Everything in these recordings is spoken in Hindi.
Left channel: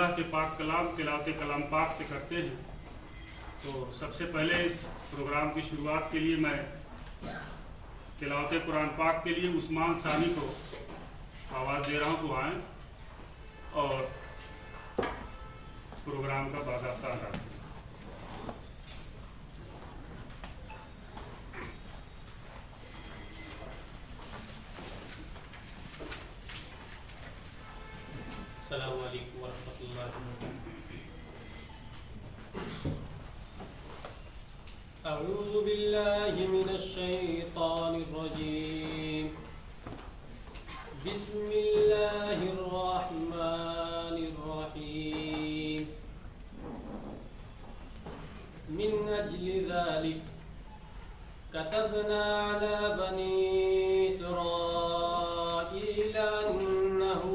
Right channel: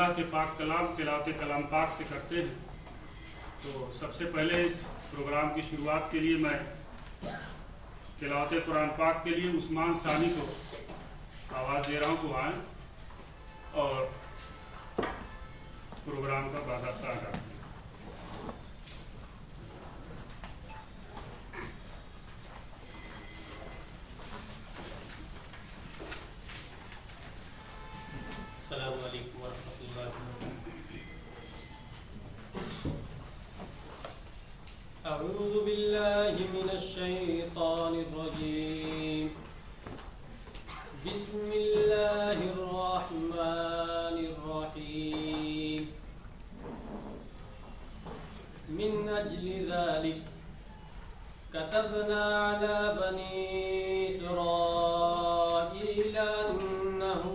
अल्लाह के पाक कलाम तिलावत कलाम पाक से करते हैं। तो सबसे पहले इस प्रोग्राम की शुरुआत के लिए मैं तिलावत कुरान पाक के लिए उस्मान सानी को आवाज़ दे रहा हूँ कि आएँ और प्रोग्राम का बाकायदा आगाज़ करें। अस्सलामु अलैकुम वरहमतुल्लाहि वबरकातुहू। अऊज़ु बिल्लाहि मिनश शैतानिर रजीम। बिस्मिल्लाहिर रहमानिर रहीम। मिन अज्लि ज़ालिक कतबना अला बनी इस्राईल अन्नहु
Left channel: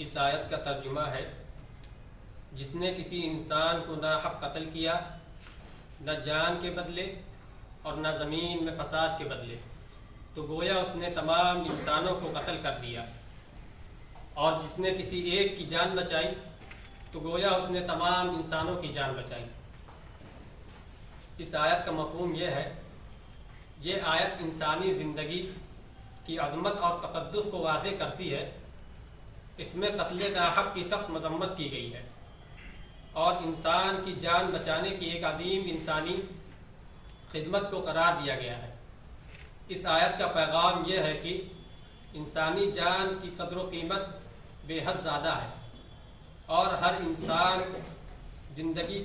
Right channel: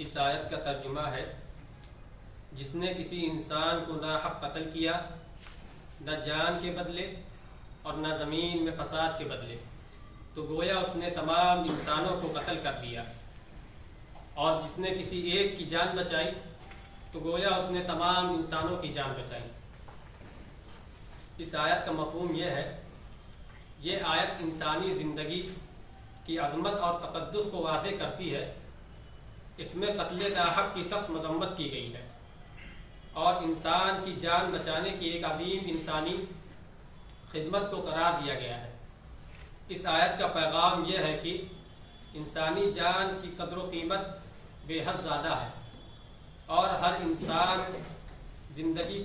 इस आयत का तर्जुमा है, जिसने किसी इंसान को ना हक कत्ल किया, न जान के बदले और न ज़मीन में फसाद के बदले, तो गोया उसने तमाम इंसानों को कत्ल कर दिया। और जिसने किसी एक की जान बचाई तो गोया उसने तमाम इंसानों की जान बचाई। इस आयत का मफ़हूम यह है, ये आयत इंसानी ज़िंदगी की अज़मत और तक़द्दुस को वाज़ेह करती है। इसमें क़त्ल नाहक़ की सख्त मज़म्मत की गई है और इंसान की जान बचाने की एक अज़ीम इंसानी खिदमत को करार दिया गया है। इस आयत का पैगाम यह है कि इंसानी जान की कदर व कीमत बेहद ज़्यादा है और हर इंसान ज़िंदगी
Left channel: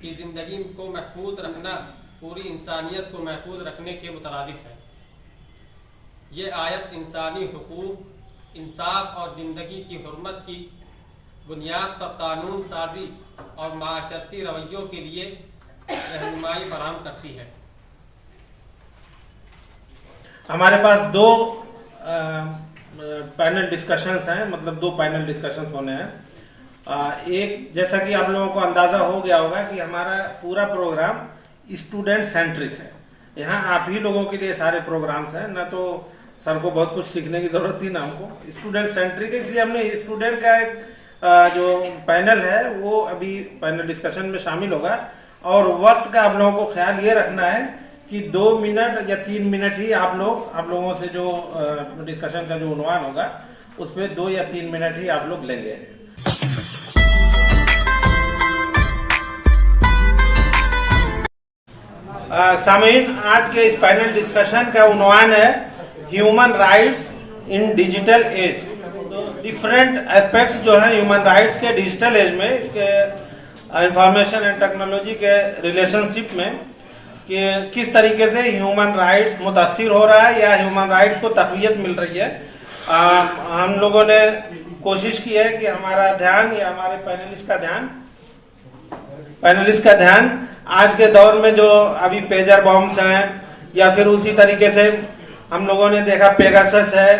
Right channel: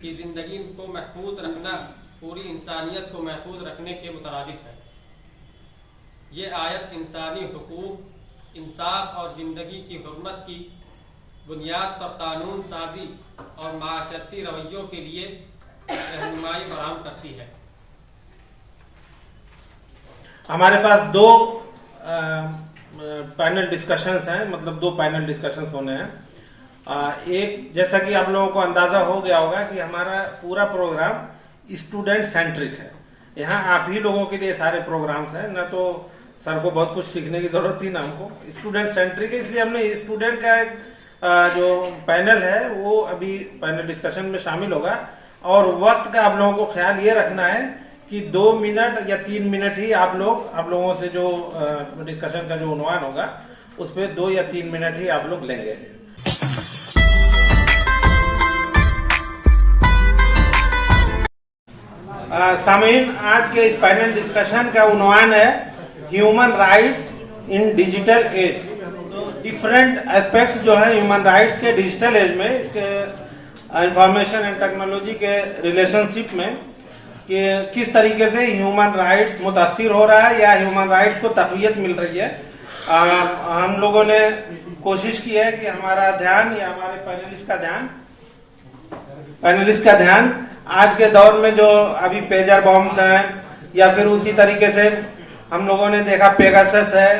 की ज़िंदगी को महफूज रखना पूरी इंसानियत को महफूज रखने के मुतरादिफ है। ये आयत इंसानी हुकूक, इंसाफ और ज़िंदगी की हुर्मत की बुनियाद पर कानून साजी और माशरती रवैयों के लिए रहनुमाई फराहम करती है। हमारे पास दो पैनल डिस्कशंस हैं, मतलब दो पैनल डिस्कशंस होने हैं। एक, जैसा कि आप लोगों को अंदाजा हो गया होगा कि हमारा पूरा प्रोग्राम स्टूडेंट सेंट्रिक है। यहाँ आप ही लोगों के लिए सारे प्रोग्राम्स हैं, न तो सर को बहुत कुछ सीखने की जरूरत थी ना हमको। स्टूडेंट सेंट्रिक है, इसलिए हमने स्टूडेंट का एक जो पैनल है वो अभी पैनल डिस्कशन में शामिल होगा। और वक्त का आप लोगों को ख्याल ये रखना है कि 2 मिनट या 3 मिनट ही आप लोगों से जो डिस्कशन का जो उन्वान होगा उस पर 2 या 3 मिनट ही आप लोग लेंगे। सामीन, आज के इस पैनल डिस्कशन का उन्वान है ह्यूमन राइट्स इन डिजिटल एज। तो डिफरेंट एस्पेक्ट्स जो है ह्यूमन राइट्स के डिजिटल एज में, इसके इंफॉर्मेशन एंड टेक्नोलॉजी के रिलेशनशिप में कि किस तरीके से ह्यूमन राइट्स मुतासिर हो रहा है या ह्यूमन राइट्स को तक़वियत मिल रही है। हम लोगों ने कोशिश की है कि हमारा ध्यान या हमारे पैनलिस्ट का ध्यान आज के दौर में जो अभी पेजर बॉम्ब्स हैं या फिर उसी तरीके से हम लोगों ने देखा पेगासस है,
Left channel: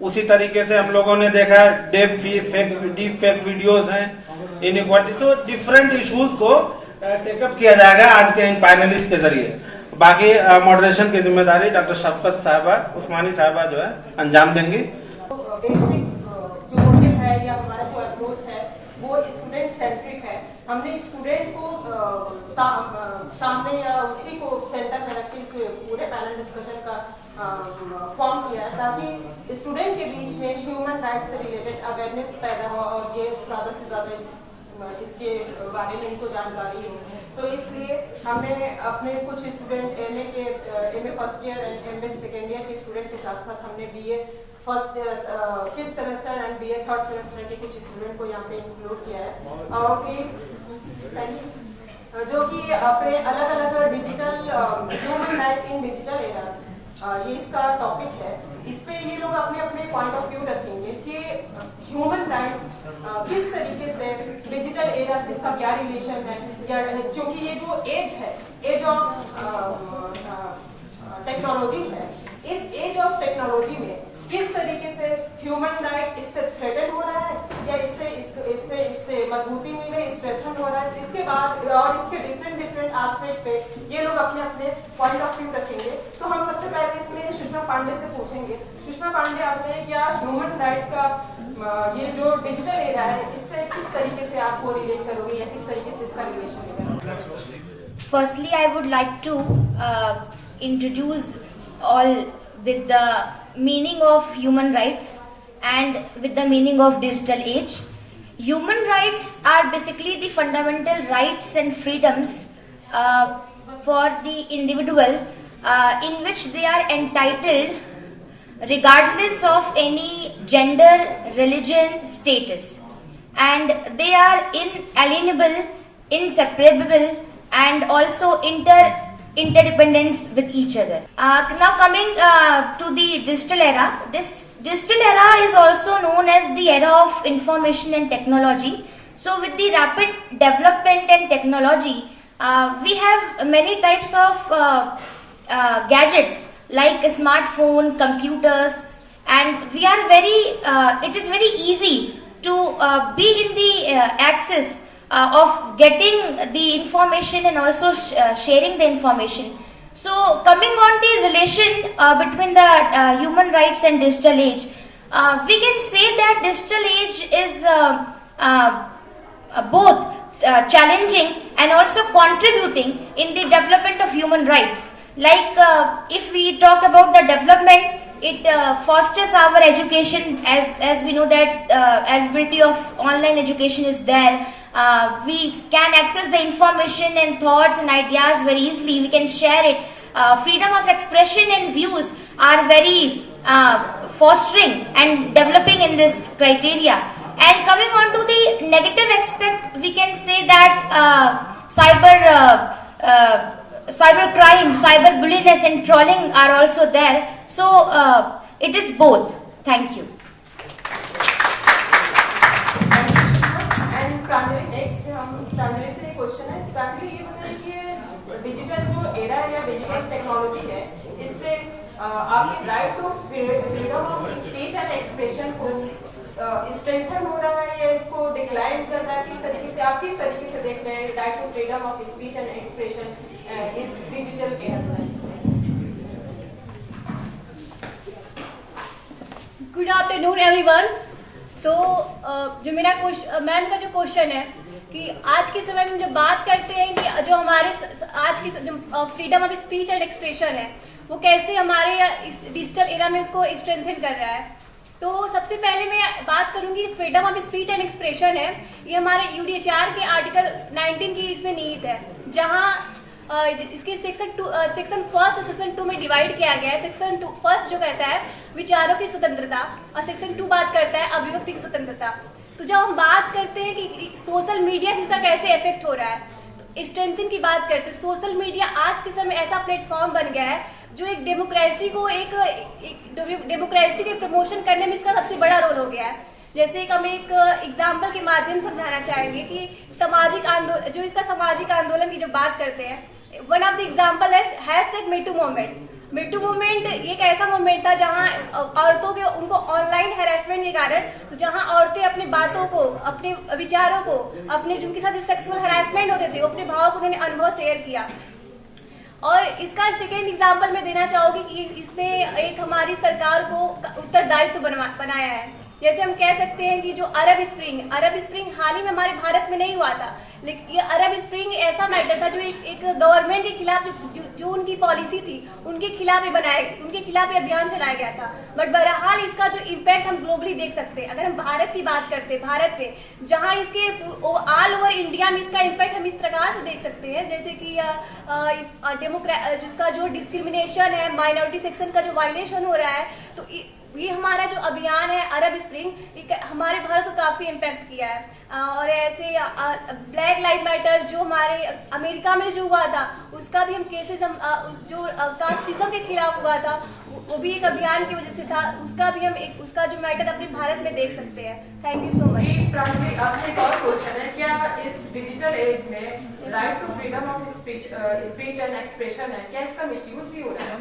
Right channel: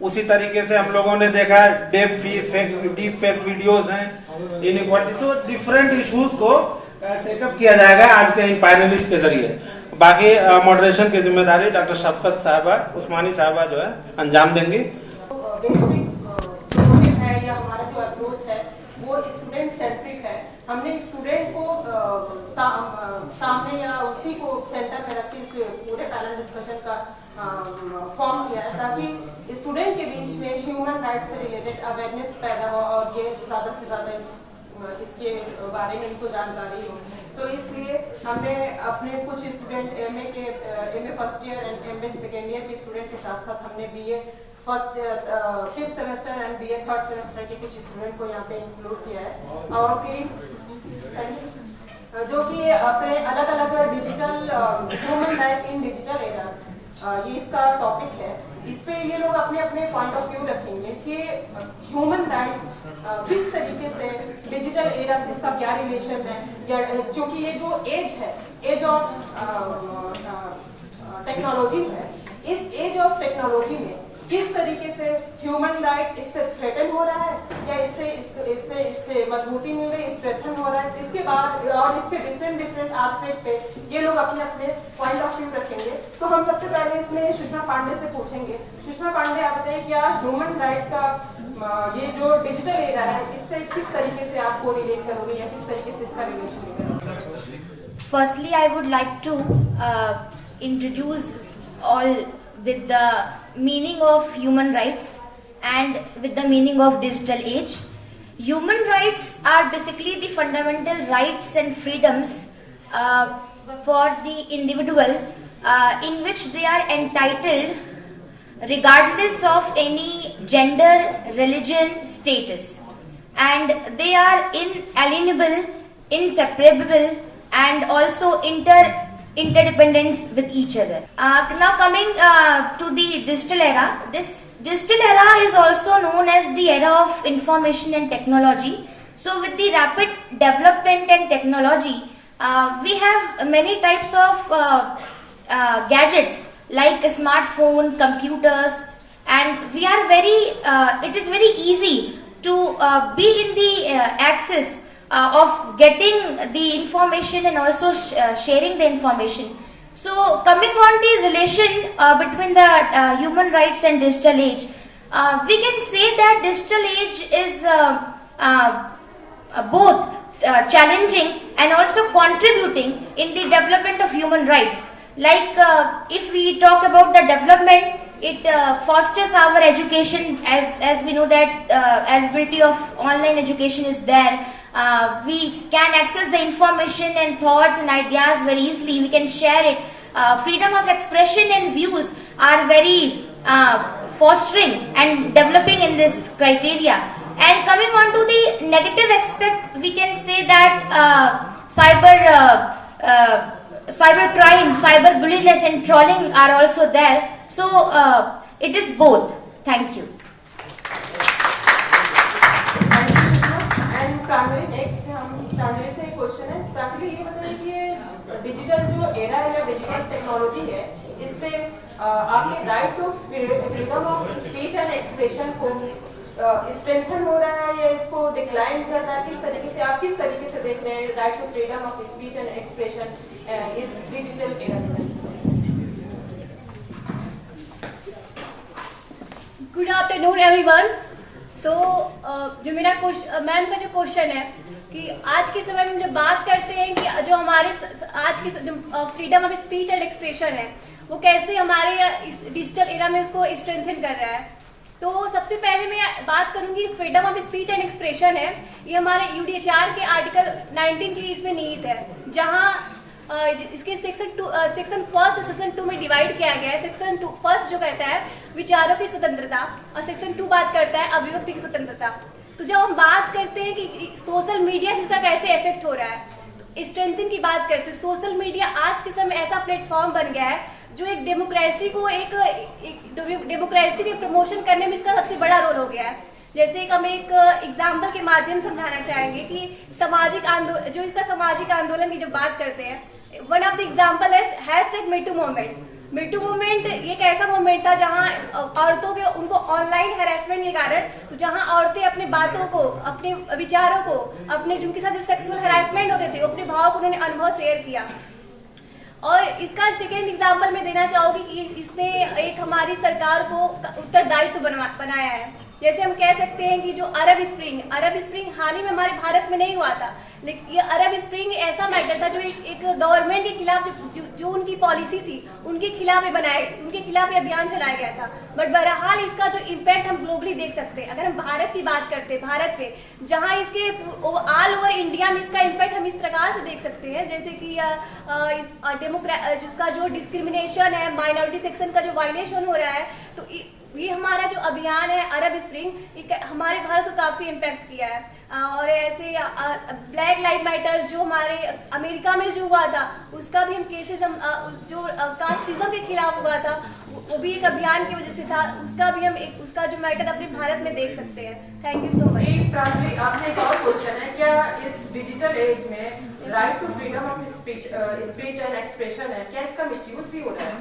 उसी तरीके से हम लोगों ने देखा डीप फेक वीडियोस हैं, इनइक्वालिटी, तो डिफरेंट इश्यूज को टेकअप किया जाएगा आज के इन पैनलिस्ट के जरिए। बाकी मॉडरेशन की जिम्मेदारी डॉक्टर शफकत साहबा उस्मानी साहबा जो है अंजाम देंगी। बेसिक मोटिव है या हमारा जो अप्रोच है वो स्टूडेंट सेंट्रिक है। हमने स्टूडेंट को सामने या उसी को सेंटर में रख के इस पूरे पैनल डिस्कशन का फॉर्म किया है ताकि स्टूडेंट के बीच में ह्यूमन राइट्स से रिलेटेड अवेयरनेस पैदा हो और ये ज़्यादा से ज़्यादा इसके बारे में इनको जानकारी हो। तो इसलिए हमने अपने कुछ student MA first year and MA second year के स्टूडेंट के साथ साथ हमने BA 5th semester and BA 3rd semester के कुछ स्टूडेंट को यहाँ पे इंक्लूड किया है, और कि जो कि अपने अलग अलग डिजिटल ह्यूमन राइट इन डिजिटल एरा, ये इसका टॉपिक है। इस पे ये लोग अपने अपने पॉइंट ऑफ व्यू रखेंगे कि ह्यूमन राइट किस तरीके से डिजिटल एरा से इसका क्या रिलेशन है, या क्योंकि ये जो एज है, एज ऑफ टेक्नोलॉजी है, इस एज ऑफ टेक्नोलॉजी में किस तरीके से ह्यूमन राइट इससे थ्रेटन हो रहा है, या इससे मजबूती मिल रही है, स्ट्रेंथन हो रहा है। इसके बाद और इसके डिफरेंट एस्पेक्ट पे ये लोग अपने अपने पॉइंट ऑफ व्यू रखेंगे। तो हम सबसे पहले इसमें सुषमा पांडे से पूछेंगे। सुषमा पांडे, आप बताइए क्या ह्यूमन राइट का ये जो डिजिटल एरा है, इससे किस तरीके से आप वो रिलेट करोगे, या किस तरीके से इसका रिलेशन होगा? Firstly, I would like to introduce all with the meaning of human rights and with the meaning of digital age. Human rights are basically the fundamental rights and freedoms for the individual in which they are entitled regardless of any gender, religion, status, and they are inalienable, inseparable, and also interdependence with each other. Now coming to the digital era, this digital era is also known as the era of information and technology. So with the rapid development and technology, we have many types of gadgets like a smartphone, computers, and we are it is very easy to be in the access of getting the information and also sharing the information. So coming on the relation between the human rights and digital age, we can say that digital age is both challenging and also contributing in the development of human rights. Like if we talk about the development, it fosters our education, as we know that availability of online education is there. We can access the information and thoughts and ideas very easily. We can share it. Freedom of expression and views are very fostering and developing in this criteria. And coming on to the negative aspect, we can say that cyber crime, cyber bulliness and trolling are also there. So it is both. Thank you. Next हम प्रांजलि से एक क्वेश्चन है। प्रांजलि, ये बताइए कि ये डिजिटल जो एरा है या डिजिटल टेक्नोलॉजी है, इससे आपके right to freedom of speech and expression को स्ट्रेंथन हो रहा है या इसको डिक्लाइन कर रहा है? किस तरीके से देख रहे हैं right to freedom of speech and expression इस डिजिटल एरा में? Good afternoon everyone. सो जो मेरा मैम का जो क्वेश्चन है कि आज के समय में जब बात करते हैं कि जो हमारे आज की जो freedom of speech and expression है, वो कैसे हमारे इस डिजिटल एरा में उसको स्ट्रेंथन कर रहा है, तो सबसे पहले मैं बात करूंगी freedom of speech and expression है। ये हमारे UDHR के आर्टिकल 19 की इसमें निहित है, जहां इसके सेक्शन 1 से सेक्शन 2 में डिवाइड किया गया है। सेक्शन 1 जो कहता है विचारों की स्वतंत्रता, और सेक्शन 2 बात करता है अभिव्यक्ति की स्वतंत्रता। तो जब हम बात करते हैं कि सोशल मीडिया से इसका कैसे इफेक्ट हो रहा है, तो स्ट्रेंथन की बात करते हैं। सोशल मीडिया आज के समय ऐसा प्लेटफॉर्म बन गया है जो एक डेमोक्रेसी को एक डेमोक्रेसी के प्रमोशन करने में इसका सबसे बड़ा रोल हो गया है। जैसे हम एक एग्जाम्पल के माध्यम से समझाना चाहेंगे कि सामाजिक आंदोलन, जो इसका सामाजिक आंदोलन की जब बात करते हैं, वन ऑफ द एग्जाम्पल है #MeToo मूवमेंट। मीटू मूवमेंट एक ऐसा मूवमेंट था जहां औरतों के उनको ऑनलाइन हैरेसमेंट के कारण, तो जहां औरतें अपने बातों को, अपने विचारों को, अपने जिनके साथ जो सेक्सुअल हैरेसमेंट होते थे, अपने भावों को उन्होंने अनुभव शेयर किया। और इसका सेकेंड एग्जाम्पल मैं देना चाहूंगी कि इसने एक हमारी सरकार को उत्तरदायित्व बनाया है। जैसे हम कह सकते हैं कि जो अरब स्प्रिंग हाल ही में हमारे भारत में नहीं हुआ था, लेकिन ये अरब स्प्रिंग ऐसा मैटर था जो एक गवर्नमेंट के खिलाफ जो उनकी पॉलिसी थी उनके खिलाफ उनके खिलाफ अभियान चलाया गया था। बट बहरहाल इसका जो इम्पैक्ट हम ग्लोबली देख सकते हैं। अगर हम भारत की बात करते हैं, भारत में जहां इसके ऑल ओवर इंडिया में इसका इम्पैक्ट हम इस प्रकार से देख सकते हैं, जैसे कि जिसका जो डिस्क्रिमिनेशन है, माइनॉरिटी सेक्शन का जो वायलेशन हो रहा है, तो ये हमारा जो अभियान है अरब स्प्रिंग हमारे भारत को काफी इम्पैक्ट किया है। और ऐसे ब्लैक लाइव मैटर जो हमारे अमेरिका में जो हुआ था, उसका भी हम केसेस हम जो कास्टिज्म के खिलाफ हुआ था, वो भी एक अभियान की वजह से था, उसका भी हम उसका जो मैटर अपने भारत में देख सकते हैं। Thank you so much. Pranjali, आपने एक और क्वेश्चन है, क्या इस डिजिटल एज में right to freedom of speech and expression है, क्या इसका मिसयूज भी हो रहा है,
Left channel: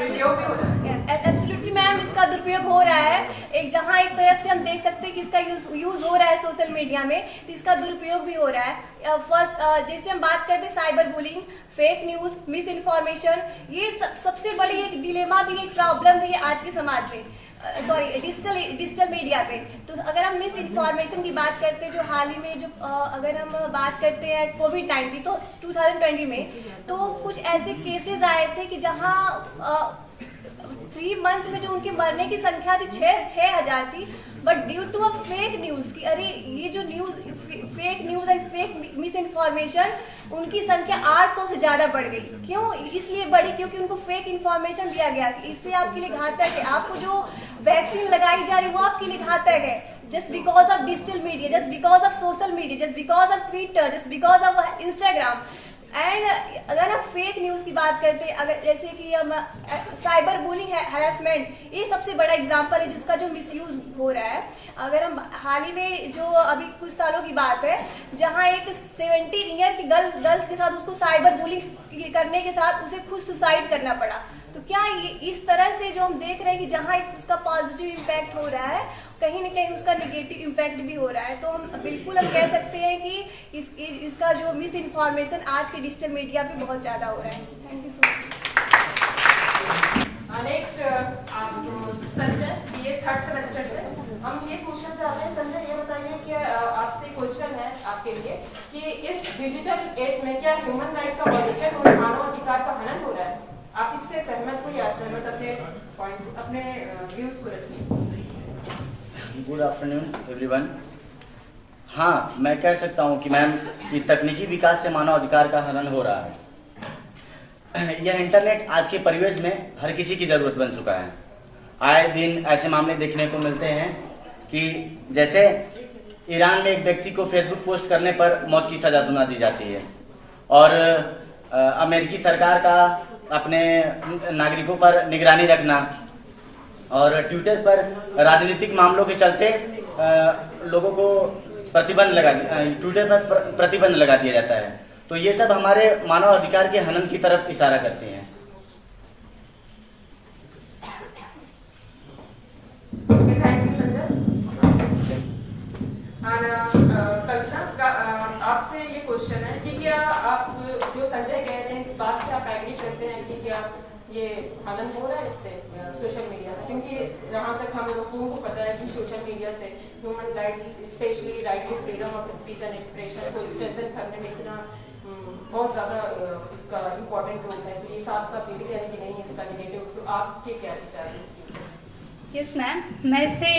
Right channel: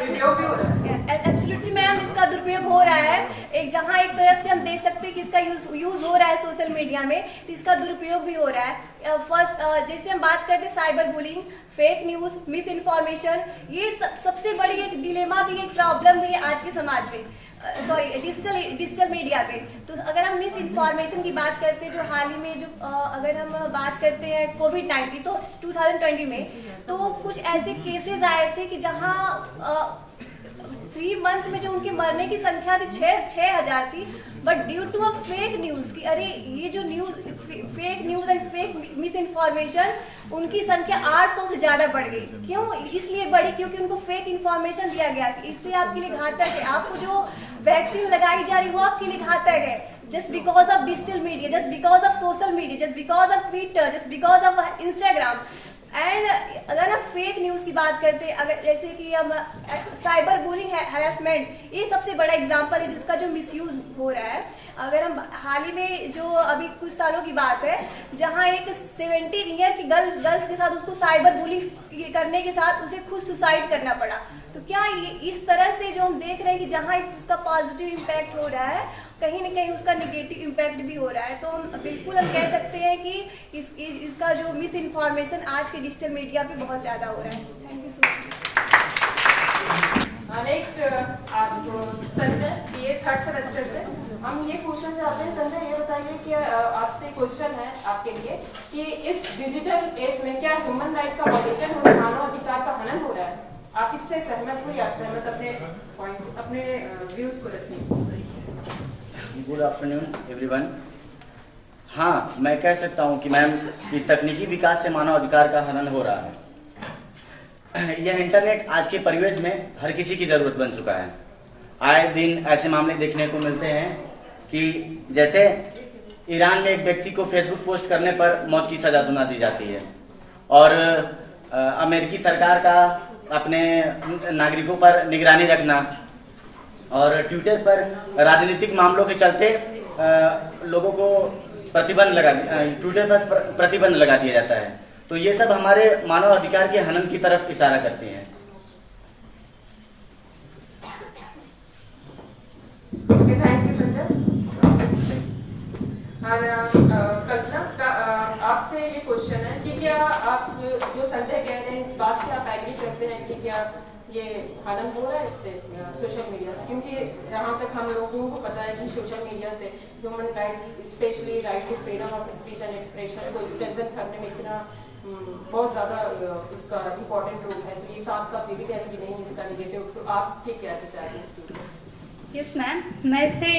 दुरुपयोग भी हो रहा है? एब्सोल्युटली मैम, इसका दुरुपयोग हो रहा है। जहां एक तरफ से हम देख सकते हैं कि इसका यूज हो रहा है सोशल मीडिया में, इसका दुरुपयोग भी हो रहा है। फर्स्ट जैसे हम बात करते हैं cyber bullying, fake news, miss information, ये सबसे बड़ी एक डिलेमा भी, एक प्रॉब्लम भी है आज के समाज में, सॉरी डिजिटल मीडिया पे। तो अगर हम मिस इन्फॉर्मेशन की बात करते हैं, जो हाल ही में जो अगर हम बात करते हैं कोविड-19, तो 2020 में तो कुछ ऐसे केसेस आए थे कि जहां 3 मंथ में जो उनके मरने की संख्या थी 6,000 थी, but due to a fake news कि अरे ये जो fake news and fake misinformation, उनकी संख्या 800 से ज्यादा बढ़ गई। क्यों इसलिए बढ़ी? क्योंकि उनको फेक इन्फॉर्मेशन दिया गया कि इससे आपके लिए घातक है, आपको जो वैक्सीन लगाई जा रही है वो आपके लिए घातक है, just because of digital media, just because of social media, just because of Twitter, just because of Instagram. And अगर हम फेक न्यूज की बात करते हैं, अगर जैसे कि हम साइबर बुलिंग, हैरेसमेंट, ये सबसे बड़ा एग्जांपल है जिसका जो मिसयूज हो रहा है। अगर हम हाल ही में जो अभी कुछ सालों की बात है, जहां एक 17 ईयर की गर्ल्स के साथ उसको साइबर बुलिंग करने के साथ उसे खुद सुसाइड करना पड़ा। तो क्या ये इस तरह से जो हम देख रहे हैं कि जहां एक उसका पॉजिटिव इम्पैक्ट हो रहा है, कहीं न कहीं उसका नेगेटिव इम्पैक्ट भी हो रहा है। तो हम बिल्कुल हम कह सकते हैं कि इसका जो मिस इन्फॉर्मेशन आज के डिजिटल मीडिया पे बहुत ज्यादा हो रहा है। Thank you so much. Next Sanjay, ये 3rd सेमेस्टर से हम ये पूछना चाहते हैं। संजय, ये बताइए कि आपसे क्वेश्चन है आपके लिए कि इस डिजिटल एज में क्या ह्यूमन राइट का वायलेशन और मानव अधिकार का हनन हो रहा है? आप इससे सहमत हो या असहमत? अपने व्यूज को रखिए। Good afternoon everyone. हाँ, मैं कह सकता हूँ कि मैम कि तकनीकी विकास से मानव अधिकार का हनन हो रहा है। यह इंटरनेट आज के परिवेश में हर किसी की जरूरत बन चुका है। आए दिन ऐसे मामले देखने को मिलते हैं कि जैसे ईरान में एक व्यक्ति को फेसबुक पोस्ट करने पर मौत की सजा सुना दी जाती है, और अमेरिकी सरकार का अपने नागरिकों पर निगरानी रखना, और ट्विटर पर राजनीतिक मामलों के चलते लोगों को ट्विटर पर प्रतिबंध लगा दिया जाता है। तो ये सब हमारे मानव अधिकार के हनन की तरफ इशारा करते हैं। Thank you Sanjay. कल्पना, आपसे ये क्वेश्चन है कि क्या आप जो संजय कह रहे हैं इस बात से आप एग्री करते हैं कि क्या ये हनन हो रहा है इससे सोशल मीडिया से? क्योंकि जहाँ तक हम लोगों को पता है कि सोशल मीडिया से human right, specially right to freedom of speech and expression को स्ट्रेंथन करने में इतना बहुत ज्यादा इसका इम्पोर्टेंट रोल है। तो ये साफ ये भी कह रहे हैं कि नहीं इसका निगेटिव। तो आपके क्या विचार है इस चीज पर? यस मैम, मैं इससे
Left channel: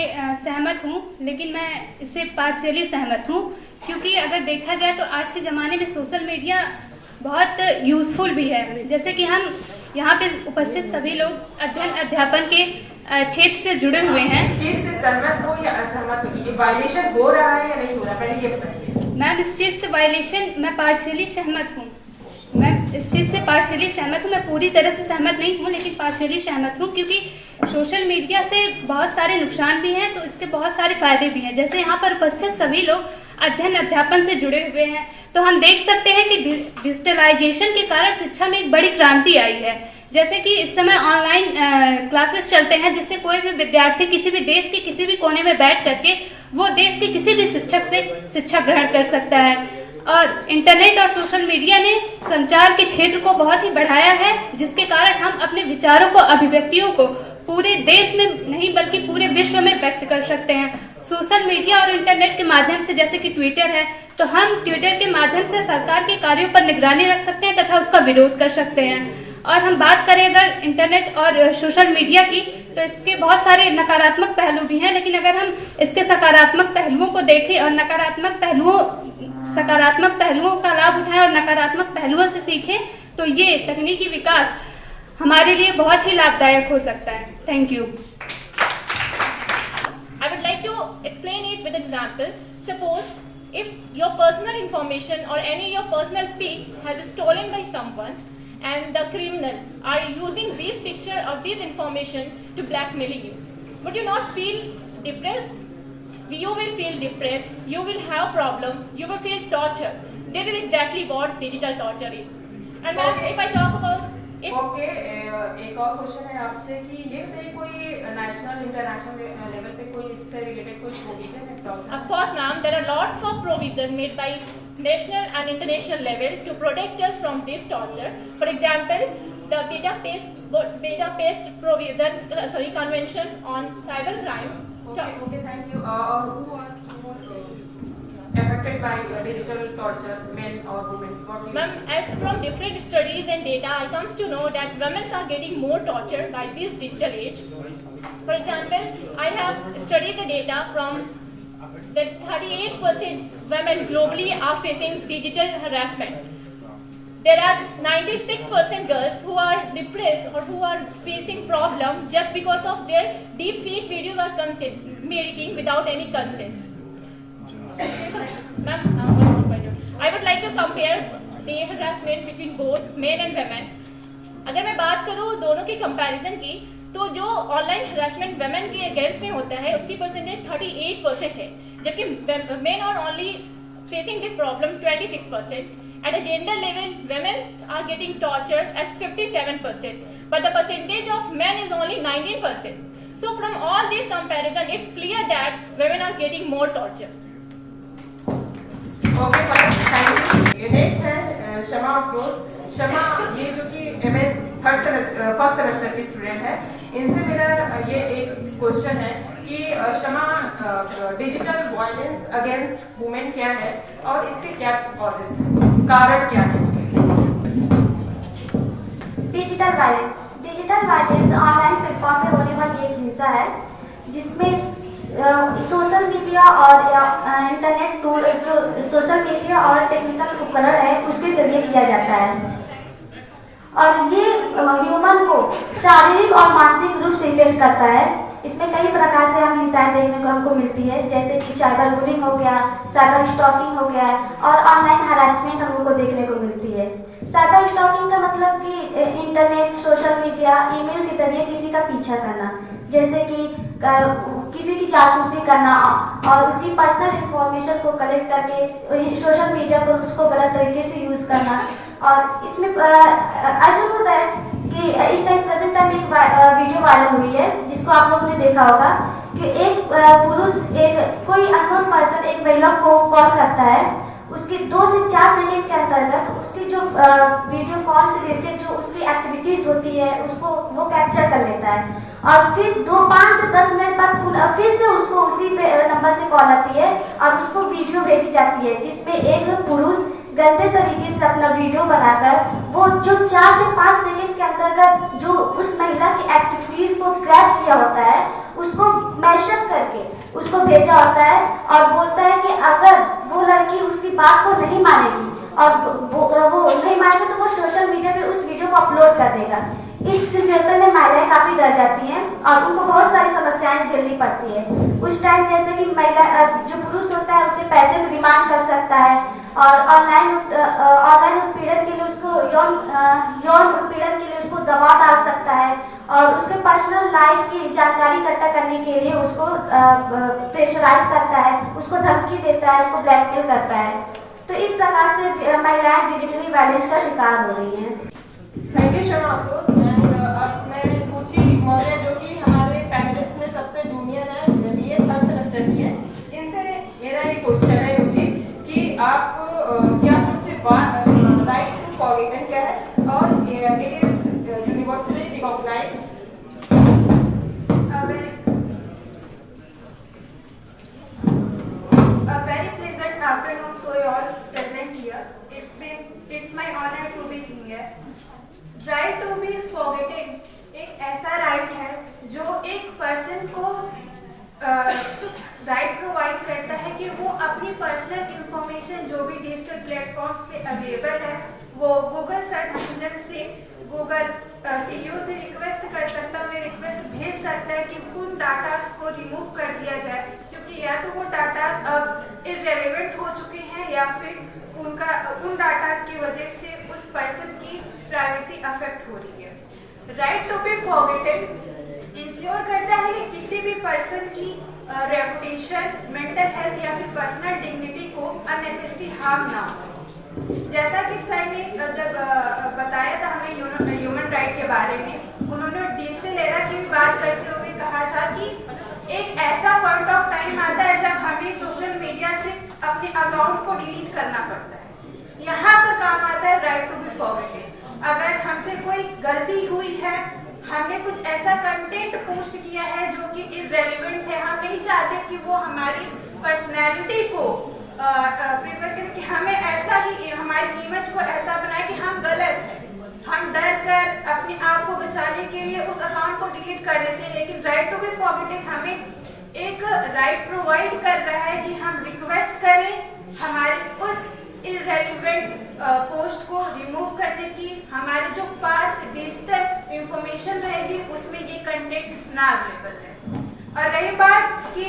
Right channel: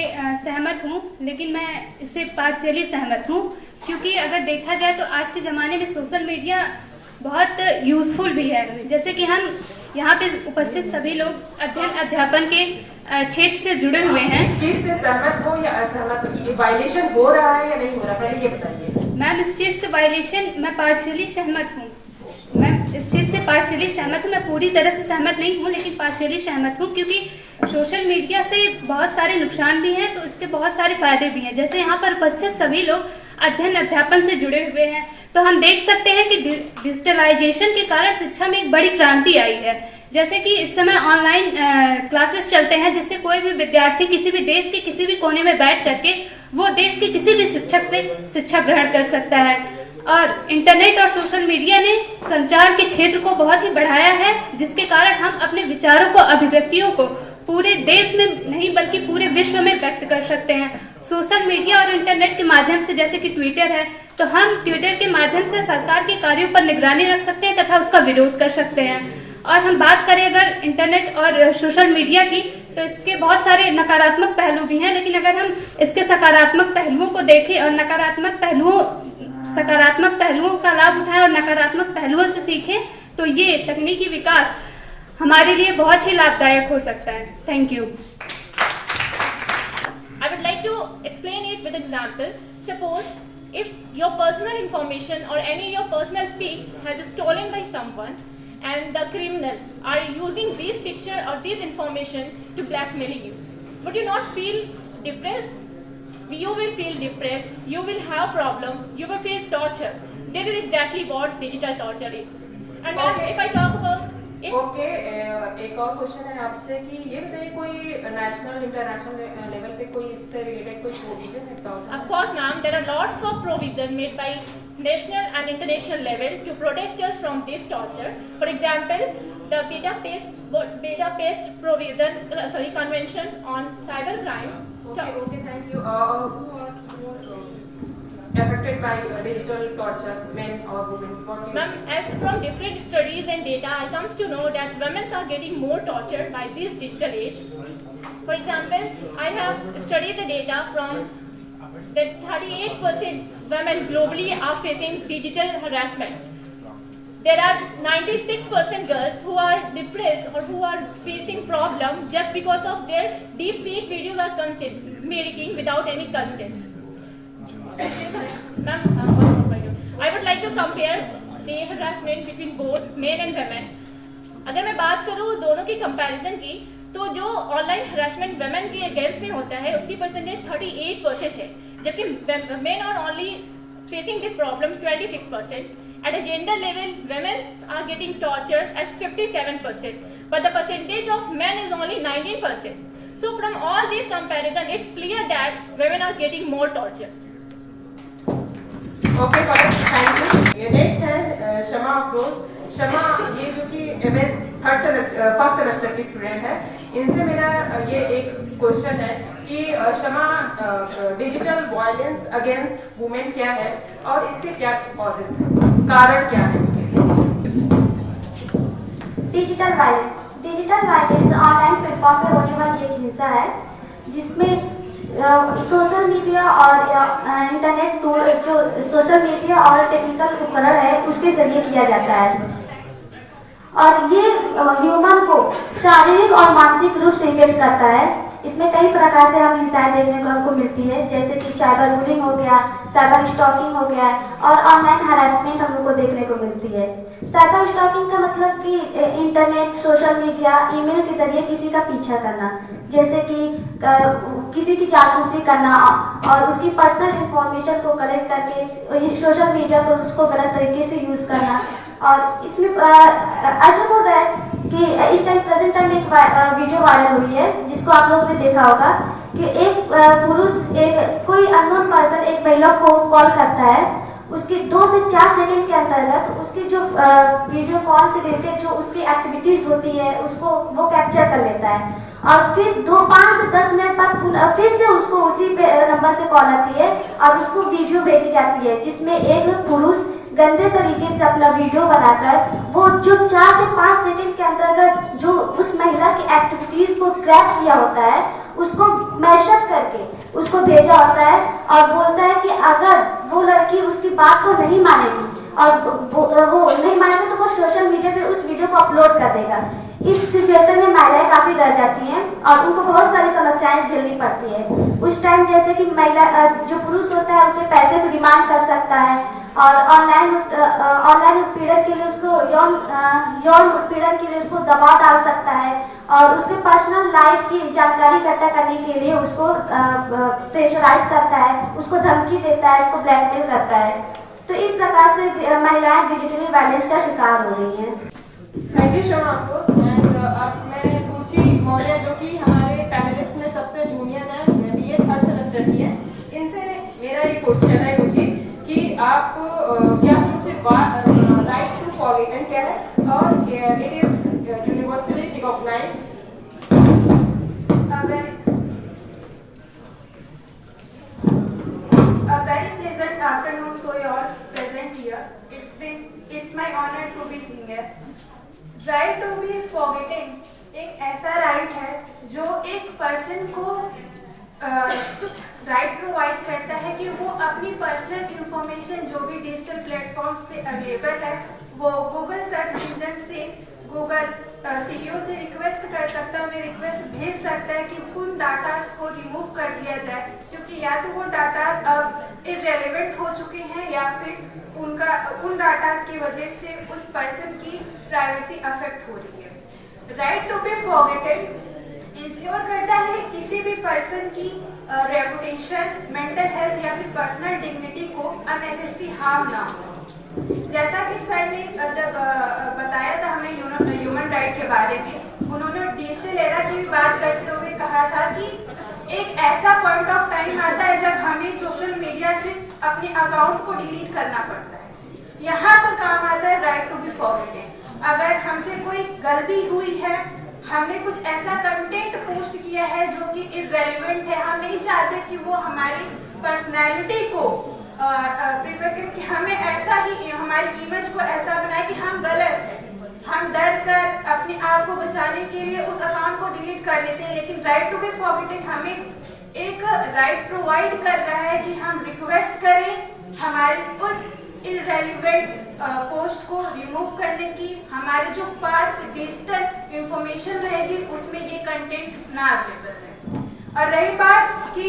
सहमत हूँ, लेकिन मैं इससे पार्शियली सहमत हूँ, क्योंकि अगर देखा जाए तो आज के ज़माने में सोशल मीडिया बहुत यूजफुल भी है। जैसे कि हम यहाँ पे उपस्थित सभी लोग अध्यापन के क्षेत्र से जुड़े हुए हैं। इस चीज से सहमत हो या असहमत हो? ये वायलेशन हो रहा है या नहीं हो रहा, पहले ये बताइए। मैम, इस चीज से वायलेशन मैं पार्शियली सहमत हूँ। मैं इस चीज से पार्शियली सहमत हूँ, मैं पूरी तरह से सहमत नहीं हूँ, लेकिन पार्शियली सहमत हूँ, क्योंकि सोशल मीडिया से बहुत सारे नुकसान भी हैं तो इसके बहुत सारे फायदे भी हैं। जैसे यहाँ पर उपस्थित सभी लोग अध्यापन से जुड़े हुए हैं, तो हम देख सकते हैं कि डिजिटलाइजेशन के कारण शिक्षा में एक बड़ी क्रांति आई है। जैसे कि इस समय ऑनलाइन क्लासेस चलते हैं, जिससे कोई भी विद्यार्थी किसी भी देश के किसी भी कोने में बैठ करके वो देश के किसी भी शिक्षक से शिक्षा ग्रहण कर सकता है। और इंटरनेट और सोशल मीडिया ने संचार के क्षेत्र को बहुत ही बढ़ाया है, जिसके कारण हम अपने विचारों को, अभिव्यक्तियों को पूरे देश में नहीं बल्कि पूरे विश्व में व्यक्त कर सकते हैं। सोशल मीडिया और इंटरनेट के माध्यम से, जैसे कि ट्विटर है, तो हम ट्विटर के माध्यम से सरकार के कार्यों पर निगरानी रख सकते हैं तथा उसका विरोध कर सकते हैं। और हम बात करें अगर इंटरनेट और सोशल मीडिया की, तो इसके बहुत सारे नकारात्मक पहलू भी हैं, लेकिन अगर हम इसके सकारात्मक पहलुओं को देखें और सकारात्मक पहलुओं का लाभ उठाएं और नकारात्मक पहलुओं से सीखें, तो ये तकनीकी विकास हमारे लिए बहुत ही लाभदायक हो सकता है। Thank you. I would like to explain it with an example. Suppose if your personal information or any your personal pic has been stolen by someone and the criminal are using this picture or this information to blackmail you, would you not feel depressed? You will feel depressed, you will have problem, you will face torture. That is exactly what digital torture is. And Okay. if I talk about it, okay, एक और क्वेश्चन है आपसे कि ये बताइए कोई नेशनल इंटरनेशनल लेवल पे कोई इससे रिलेटेड कोई प्रोविजन है? of course, ma'am, there are lots of provisions made by national and international level to protect us from this torture. For example, the data-based provision, convention on cyber crime. Okay, thank you. Who are affected by digital torture, men or women? Ma'am, as from different studies and data, I come to know that women are getting more tortured by this digital age. For example, I have studied the data from that 38% women globally are facing digital harassment. There are 96% girls who are depressed or who are facing problem just because of their deep fake videos are making without any consent. Ma'am, I would like to compare the harassment between both men and women. अगर मैं बात करूँ दोनों की कंपैरिजन की, तो जो ऑनलाइन हरासमेंट वुमेन के अगेंस्ट में होता है उसकी परसेंटेज 38% है, जबकि men are only facing this problem 26%. At a gender level, women are getting tortured at 57%, but the percentage of men is only 19%. So from all these comparison, it's clear that women are getting more torture. Okay, thank you. Next है शमा अफरोज। शमा, ये जो कि फर्स्ट सेमेस्टर की स्टूडेंट है, इनसे मेरा ये एक क्वेश्चन है कि शमा, डिजिटल वायलेंस अगेंस्ट वुमेन क्या है और इसके क्या कॉजेस हैं, कारण क्या है इसके? डिजिटल वायलेंस ऑनलाइन प्लेटफॉर्म पे होने वाली एक हिंसा है जिसमें सोशल मीडिया और इंटरनेट टूल, जो सोशल मीडिया और टेक्निकल उपकरण है उसके जरिए किया जाता है, और ये ह्यूमन को शारीरिक और मानसिक रूप से इफेक्ट करता है। इसमें कई प्रकार से हम हिंसाएं देखने को हमको मिलती है, जैसे कि साइबर बुलिंग हो गया, साइबर स्टॉकिंग हो गया और ऑनलाइन हरासमेंट हम लोग को देखने को मिलती है। साइबर स्टॉकिंग का मतलब कि इंटरनेट, सोशल मीडिया, ईमेल के जरिए किसी का पीछा करना, जैसे कि किसी की जासूसी करना और उसकी पर्सनल इंफॉर्मेशन को कलेक्ट करके सोशल मीडिया पर उसको गलत तरीके से यूज करना। और इसमें अजब होता है कि इस टाइम प्रेजेंट टाइम एक वीडियो वायरल हुई है जिसको आप लोगों ने देखा होगा कि एक पुरुष कोई अननोन पर्सन एक महिला को कॉल करता है, उसके 2 से 4 सेकंड के अंतर्गत उसकी जो वीडियो कॉल से रिलेटेड जो उसकी एक्टिविटीज होती है उसको वो कैप्चर कर लेता है, और फिर 5 से 10 मिनट बाद फिर से उसको उसी नंबर से कॉल आती है और उसको वीडियो भेजी जाती है जिसमें एक पुरुष गंदे तरीके से अपना वीडियो बनाकर वो जो 4 से 5 सेकंड के अंतर्गत जो उस महिला की एक्टिविटीज को ग्रैब किया होता है उसको मैशअप करके उसको भेजा होता है और बोलता है कि अगर वो लड़की उसकी बात को नहीं मानेगी और वो नहीं मानेगी तो वो सोशल मीडिया पे उस वीडियो को अपलोड कर देगा। इस सिचुएशन में महिलाएं काफी डर जाती हैं और उनको बहुत सारी समस्याएं झेलनी पड़ती है। उस टाइम जैसे कि महिला जो पुरुष होता है उसे पैसे की डिमांड कर सकता है और ऑनलाइन उत्पीड़न के लिए उसको यौन उत्पीड़न के लिए उसको दबाव डाल सकता है और उसके पर्सनल लाइफ की जानकारी इकट्ठा करने के लिए उसको प्रेशराइज करता है, उसको धमकी देता है, उसको ब्लैकमेल करता है। तो इस प्रकार से महिलाएं डिजिटली वायलेंस का शिकार हो रही हैं। थैंक यू शमा आपको। अब मैं रुचि मौर्य जो कि हमारे पैनलिस्ट में सबसे जूनियर है, बीए 3rd सेमेस्टर की है, इनसे मेरा एक क्वेश्चन है रुचि कि आप क्या समझे राइट टू फॉरगिवन क्या है और it is universally recognized. A very pleasant afternoon to you all present here. It's my honor to be here. Right to be forgotten एक ऐसा राइट है जो प्रोवाइड करता है कि वो अपनी पर्सनल इंफॉर्मेशन जो भी डिजिटल प्लेटफॉर्म्स पे अवेलेबल है वो गूगल सर्च इंजन से गूगल सीईओ से रिक्वेस्ट कर सकता है, उन्हें रिक्वेस्ट भेज सकता है कि उन डाटास को रिमूव कर दिया जाए, क्योंकि या तो वो डाटास अब इररेलेवेंट हो चुके हैं या फिर उन डाटास की वजह से उस पर्सन की प्राइवेसी अफेक्ट हो रही है। राइट टू बी फॉरगेटेन इंश्योर करता है कि किसी भी पर्सन की रेपुटेशन, मेंटल हेल्थ या फिर पर्सनल डिग्निटी को अननेसेसरी हार्म ना हो। जैसा कि सर ने जब बताया था हमें ह्यूमन राइट के बारे में, उन्होंने डिजिटल एरा की भी बात करते हुए कहा था कि एक ऐसा पॉइंट ऑफ टाइम आता है जब हमें सोशल मीडिया से अपने अकाउंट को डिलीट करना पड़ता है। यहाँ पर काम आता है राइट टू बी फॉरगेटेन। अगर हमसे कोई गलती हुई है, हमने कुछ ऐसा कंटेंट पोस्ट किया है जो कि इररेलेवेंट है, हम नहीं चाहते कि वो हमारी पर्सनैलिटी को प्रिपेयर करें कि हमें ऐसा ही हमारी इमेज को ऐसा बनाए कि हम गलत हैं, हम डर कर अपने आप को बचाने के लिए उस अकाउंट को डिलीट कर देते हैं। लेकिन राइट टू बी फॉरगेटेन हमें एक राइट प्रोवाइड कर रहा है कि हम रिक्वेस्ट करें हमारे उस इररेलेवेंट पोस्ट को रिमूव करने की, हमारी जो पास्ट डिजिटल इंफॉर्मेशन रहेगी उसमें ये कंटेंट ना अवेलेबल है। और रही बात कि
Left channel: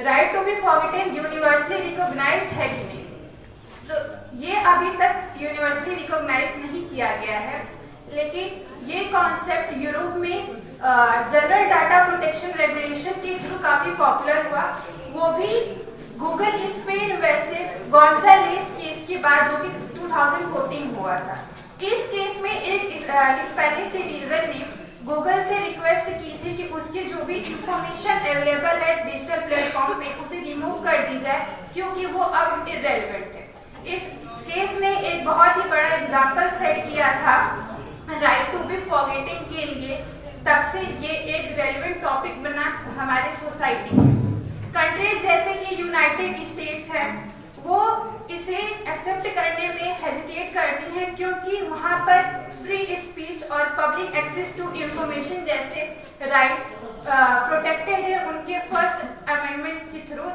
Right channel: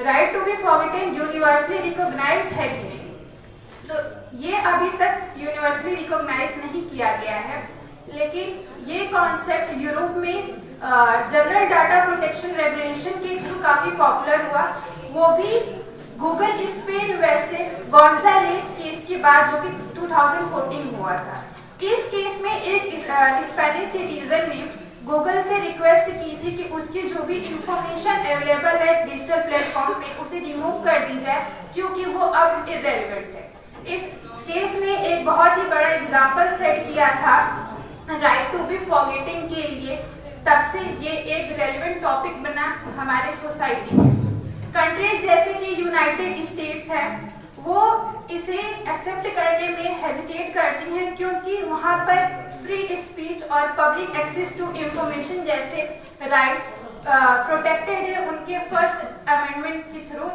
right to be forgotten universally recognised है कि नहीं, तो ये अभी तक यूनिवर्सली रिकॉग्नाइज नहीं किया गया है, लेकिन ये कॉन्सेप्ट यूरोप में जनरल डाटा प्रोटेक्शन रेगुलेशन के थ्रू काफी पॉपुलर हुआ। वो भी Google Spain versus Gonzales case के बाद, जो कि 2014 हुआ था। इस केस में एक स्पेनिश सिटीजन ने गूगल से रिक्वेस्ट की थी कि उसकी जो भी इंफॉर्मेशन अवेलेबल है डिजिटल प्लेटफॉर्म पे उसे रिमूव कर दी जाए, क्योंकि वो अब इररेलेवेंट है। इस केस ने एक बहुत ही बड़ा एग्जाम्पल सेट किया था राइट टू बी फॉरगेटिंग के लिए। तब से ये एक रेलेवेंट टॉपिक बना हमारे सोसाइटी में। कंट्रीज जैसे कि यूनाइटेड स्टेट्स है, वो इसे एक्सेप्ट करने में हेजिटेट करती हैं, क्योंकि वहां पर फ्री स्पीच और पब्लिक एक्सेस टू इंफॉर्मेशन जैसे राइट्स प्रोटेक्टेड है उनके फर्स्ट अमेंडमेंट के थ्रू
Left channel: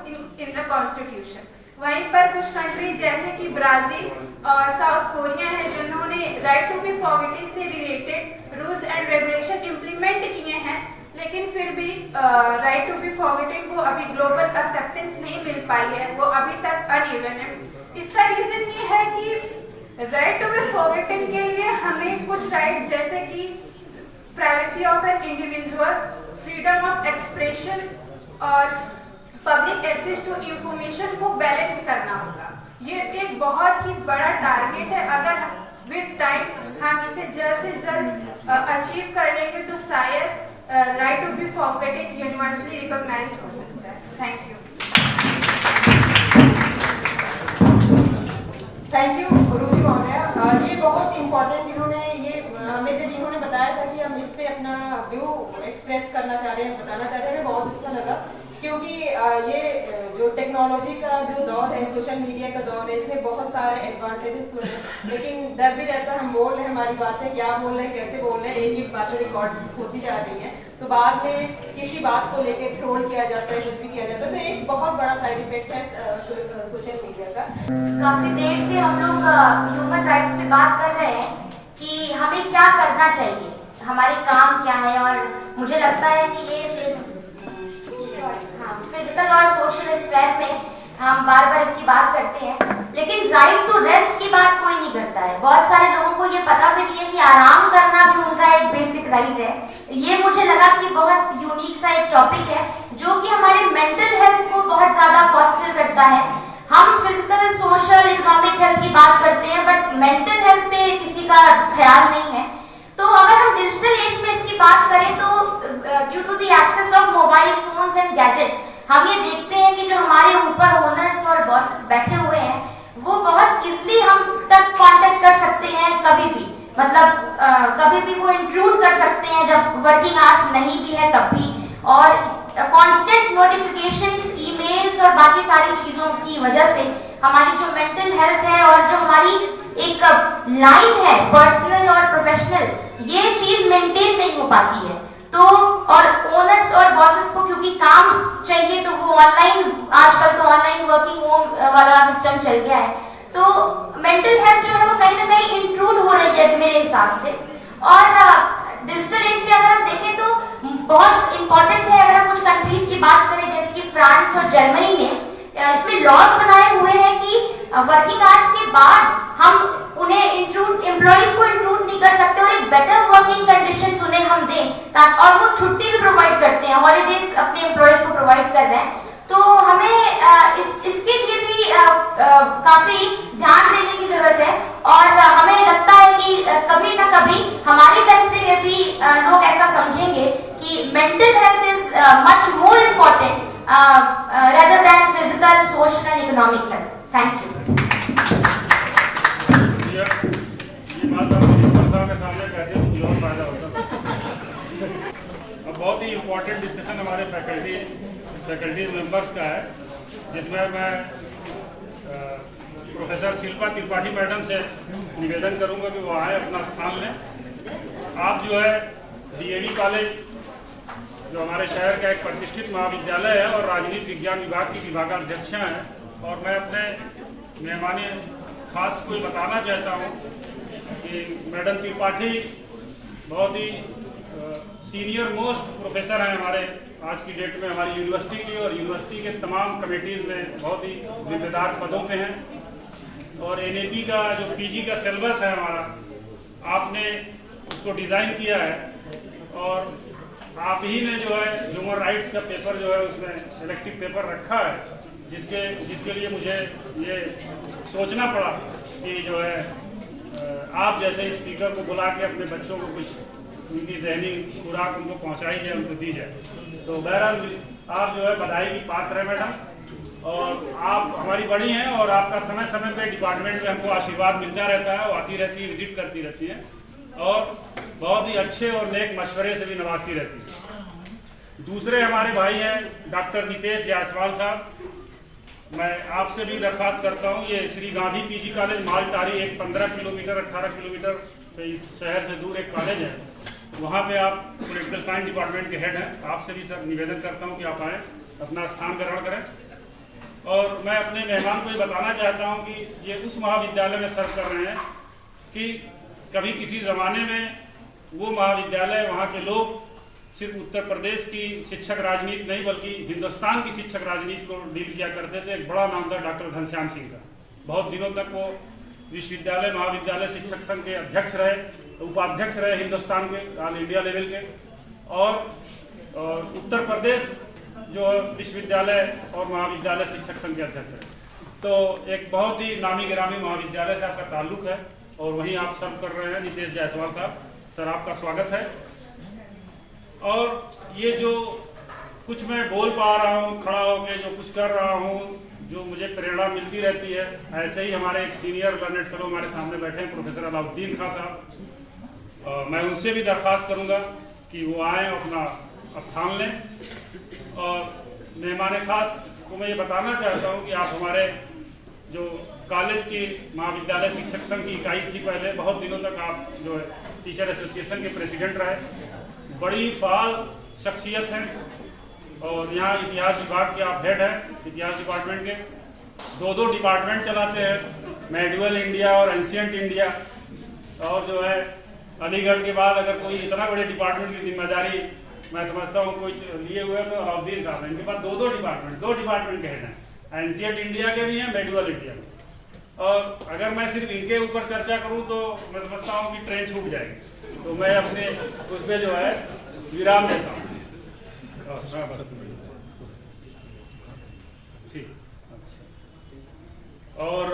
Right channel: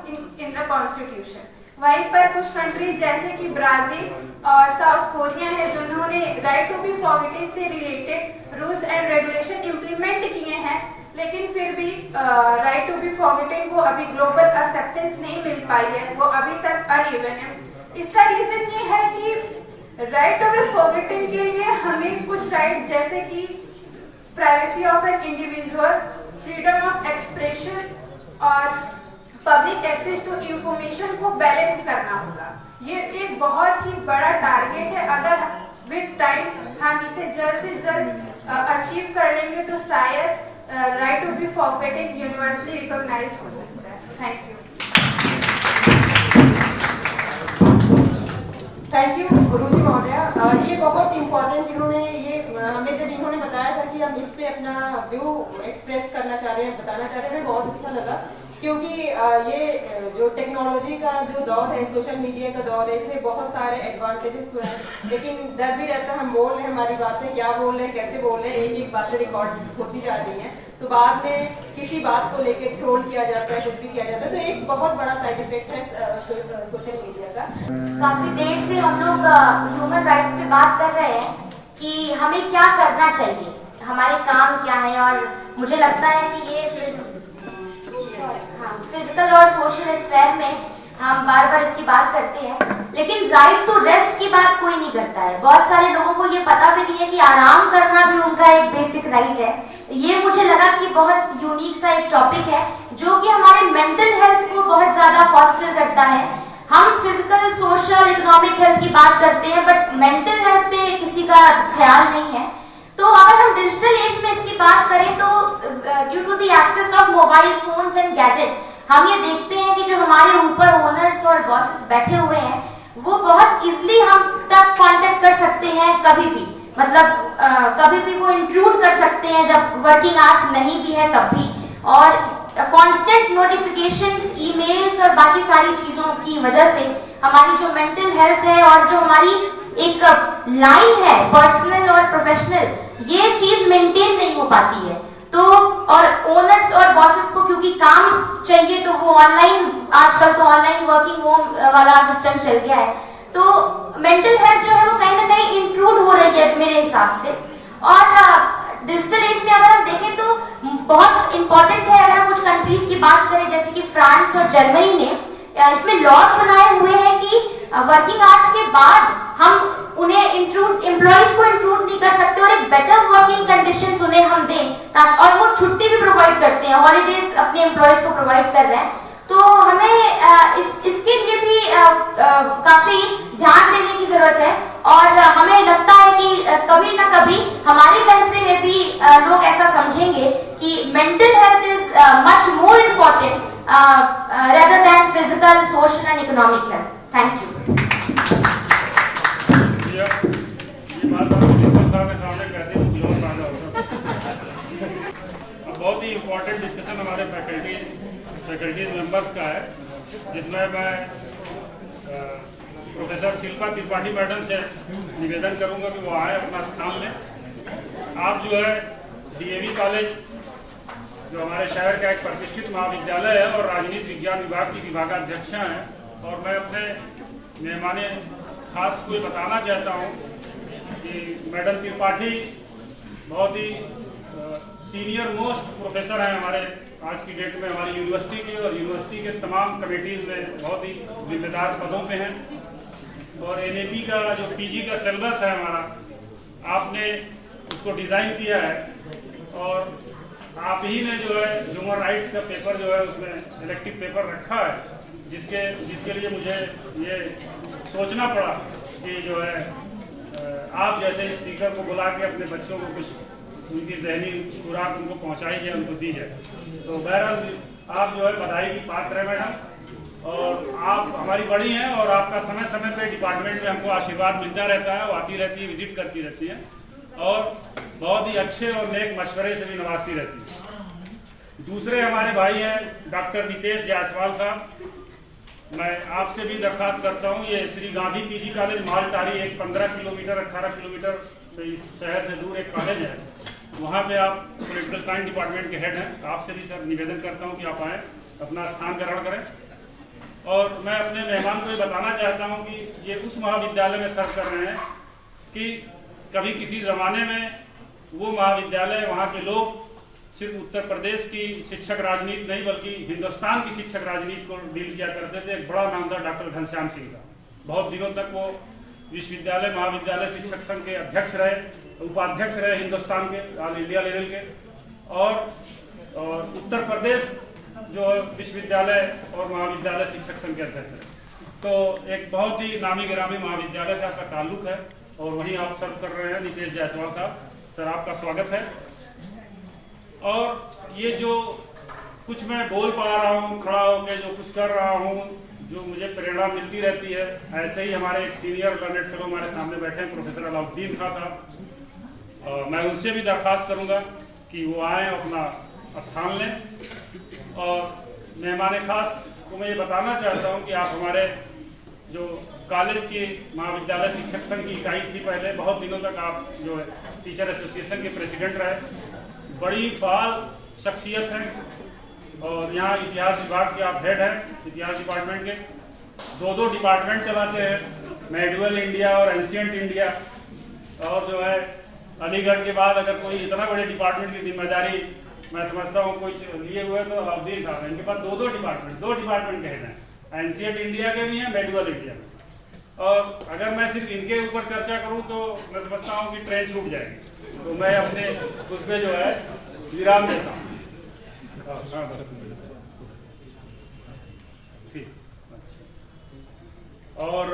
इन द कॉन्स्टिट्यूशन। वहीं पर कुछ कंट्रीज जैसे कि ब्राजील और साउथ कोरिया है जिन्होंने राइट टू बी फॉरगेटेन से related rules and regulation implement किए हैं, लेकिन फिर भी राइट टू बी फॉरगेटेन को अभी ग्लोबल एक्सेप्टेंस नहीं मिल पाई है, वो अभी तक अनइवन है। इसका रीजन ये है कि राइट टू बी फॉरगेटेन के लिए हमें कुछ राइट जैसे कि privacy of an individual, freedom of expression और पब्लिक एक्सेस टू इंफॉर्मेशन को बैलेंस करना होगा। ये एक बहुत ही बड़ा टारगेट है। अगर विद टाइम हम इसे जल्द से जल्द अचीव कर लेंगे तो शायद right to be forgotten universally recognise हो सकता है। Thank you. Thank you guruji महोदय। ये बहुत इम्पोर्टेंट हमें जब इन्होंने बताया था कि हम इस पे अपना व्यू एक्सप्रेस करना चाह रहे हैं, बताना चाह रहे हैं, बहुत अच्छा लगा, क्योंकि ये जो टेक्नोलॉजी का जो दौर है, सोशल मीडिया का दौर है, इसमें बहुत सारे एडवांटेजेस तो हैं, लेकिन डर भी रहता है हम बोल रहे हैं, हमारी बातें क्या बोल रहे हैं, कैसे बोल रहे हैं, एक एक बातें रिकॉर्ड होती जा रही हैं, तो बाद में किसी बात को लेकर ट्रोल किया जाता है, कुछ भी किया जाता है, तो एक बहुत बड़ा साइड इफेक्ट है सोशल मीडिया का। काफी देर से हम लोग ह्यूमन राइट्स पे बात कर रहे हैं कि हमें क्या करना चाहिए, हमारे काम क्या है, और मुझे लगता है कि ये फिजिकल और सोशल स्फेयर में हम बार बार इसकी बात करते हैं, लेकिन राइट टू रेस्ट की बात कोई नहीं करता है। बहुत सारे लोगों को ये पता भी नहीं है कि आराम करना भी उनका एक बेसिक राइट है। ये मुझे लगा कि बहुत यूनिक सा एक टॉपिक है जो कि हमारे मेंटल हेल्थ को बहुत ज्यादा फॉस्टर करता है। हम फिजिकल, सोशल, इकोनॉमिक हेल्थ की बात करते हैं, बट मेंटल हेल्थ पे किसी का ख्याल नहीं है। तो अगर हम डिजिटल एज में इसकी बात करें तो due to the access of mobile phones and gadgets, हम ये देखते हैं कि जो हमारे ऊपर ओनर्स और बॉसेस बैठे हुए हैं वो बहुत इजली हम तक कांटेक्ट कर सकते हैं, कभी भी, मतलब कभी भी वो इंट्रूड कर सकते हैं जब वर्किंग आवर्स नहीं भी है तब भी, और कांस्टेंट नोटिफिकेशंस, ईमेल्स और बाकी सारी चीजों की वजह से हमारी जो मेंटल हेल्थ है और जो हमारी एक लाइन है पर्सनल और प्रोफेशनल, ये चीज मेंटेन नहीं हो पाती है। तो और ओनर्स और बॉसेस को क्योंकि काम चाहिए तो वो ऑनलाइन, आजकल तो ऑनलाइन वर्किंग होम वाला सिस्टम चल गया है, तो मेंटल हेल्थ जो है वो कहीं ना कहीं इंक्लूड हो रही है मेरे हिसाब से। और डिजिटल एज में अगर हम देखें तो बहुत इंपॉर्टेंट है, अगर हम कुछ कंट्रीज की बात करें जैसे कि फ्रांस और जर्मनी ने इसमें लॉज बनाए हुए हैं कि वर्किंग आवर्स के बाद हम उन्हें एम्प्लॉइज को इंक्लूड नहीं कर सकते और एक बेटर वर्किंग कंडीशंस उन्हें हम दें, और वो छुट्टी भी प्रोवाइड करते हैं, हॉलीडेज अपने एम्प्लॉइज को प्रोवाइड कर रहे हैं। तो हमें इसके लिए भी काफी ध्यान देने की जरूरत है, और हमें लगता है कि कभी ना कभी हमारी कंट्री में भी लोग ऐसा समझेंगे कि mental health is much more important rather than physical, social and economic health. Thank you. ये बात आप प्रिंसिपल साहब के सामने कहते हैं तो और फायदा होता। अब बहुत ही इम्पोर्टेंट डिस्कशन हमारे फैकल्टीज मेंबर्स का है, जिसमें मैं प्रोफेसर शिल्पा त्रिपाठी मैडम से निवेदन करूंगा कि वो आए अपना स्थान लें। आप जो है डीएवी कॉलेज जो हमारे शहर का एक प्रतिष्ठित महाविद्यालय है और राजनीति विज्ञान विभाग की विभागाध्यक्ष हैं, और मैं अपने मेहमान खास को बताना चाहता हूं कि मैडम त्रिपाठी बहुत ही सीनियर मोस्ट प्रोफेसर हैं हमारे आज की डेट में हमारी यूनिवर्सिटी के, और यूनिवर्सिटी के तमाम कमेटीज में बहुत ही जिम्मेदार पदों पे हैं। और एनएपी का जो पीजी का सिलेबस है हमारा, आपने उसको डिजाइन किया है, और आप ही ने जो है ह्यूमन राइट्स का पेपर जो है उसमें इलेक्टिव पेपर रखा है, जिसके लिए मुझे ये सोचना पड़ा कि जो है आप जैसे स्पीकर को बुला के अपने बच्चों को कुछ उनकी जहनी खुराक उनको पहुंचाई जाए, उनको दी जाए। तो बहरहाल आप जो है बधाई की पात्र है मैडम, और आप हमारी बड़ी हैं, और आपका समय समय पे डिपार्टमेंट में हमको आशीर्वाद मिलता रहता है, वो आती रहती है, विजिट करती रहती है, और बहुत ही अच्छे और नेक मशवरे से भी नवाजती रहती है। दूसरे हमारे भाई हैं डॉक्टर नितेश जायसवाल साहब, मैं आपसे भी दरखास्त करता हूं, ये श्री गांधी पीजी कॉलेज मालटारी, एक 15 किलोमीटर 18 किलोमीटर इस शहर से दूर एक कॉलेज है, वहां पे आप पॉलिटिकल साइंस डिपार्टमेंट के हेड हैं। आपसे भी सर निवेदन करता हूं कि आप आए, अपना स्थान ग्रहण करें। और मैं अपने मेहमान को ये बताना चाहता हूं कि ये उस महाविद्यालय में सर्व कर रहे हैं कि कभी किसी जमाने में वो महाविद्यालय, वहां के लोग सिर्फ उत्तर प्रदेश की शिक्षक राजनीति नहीं बल्कि हिंदुस्तान की शिक्षक राजनीति को डील किया करते थे। एक बड़ा नाम था डॉक्टर घनश्याम सिंह का, बहुत दिनों तक वो विश्वविद्यालय महाविद्यालय शिक्षक संघ के अध्यक्ष रहे, उपाध्यक्ष रहे हिंदुस्तान के, ऑल इंडिया लेवल के, और उत्तर प्रदेश जो विश्वविद्यालय और महाविद्यालय शिक्षक संघ के अध्यक्ष रहे। तो एक बहुत ही नामी गिरामी महाविद्यालय से आपका ताल्लुक है, और वहीं आप सर्व कर रहे हैं। नितेश जायसवाल साहब, सर आपका स्वागत है। और ये जो कुछ मैं बोल पा रहा हूँ, खड़ा होकर जो कुछ कर रहा हूँ, जो मुझे प्रेरणा मिलती रहती है, ऐसे ही हमारे एक सीनियर लर्नेड फेलो हमारे सामने बैठे हैं प्रोफेसर अलाउद्दीन खां साहब, मैं उनसे भी दरखास्त करूंगा कि वो आए अपना स्थान लें। और मेहमान खास को मैं ये बताना चाहता हूँ कि आप हमारे जो कॉलेज की महाविद्यालय शिक्षक संघ की इकाई थी पहले, बहुत दिनों तक आप जो है टीचर एसोसिएशन के प्रेसिडेंट रहे, बड़ी फाल शख्सियत हैं, और यहाँ इतिहास विभाग के आप हेड हैं, इतिहास डिपार्टमेंट के 2 डिपार्टमेंट चलाते हैं, मेडुअल इंडिया और एंशिएंट इंडिया। और जो है अलीगढ़ के बाद अगर कोई इतना बड़े डिपार्टमेंट की जिम्मेदारी मैं समझता हूँ कोई लिए हुए तो अलाउद्दीन साहब हैं। इनके पास 2 डिपार्टमेंट के हेड हैं, एंशिएंट इंडिया के भी हैं, मेडुअल इंडिया के। और अगर मैं सिर्फ इनके ऊपर चर्चा करूं तो मैं समझता हूं कि ट्रेन छूट जाएगी, तो मैं अपने उस पर जो है विराम देता हूं। ठीक। और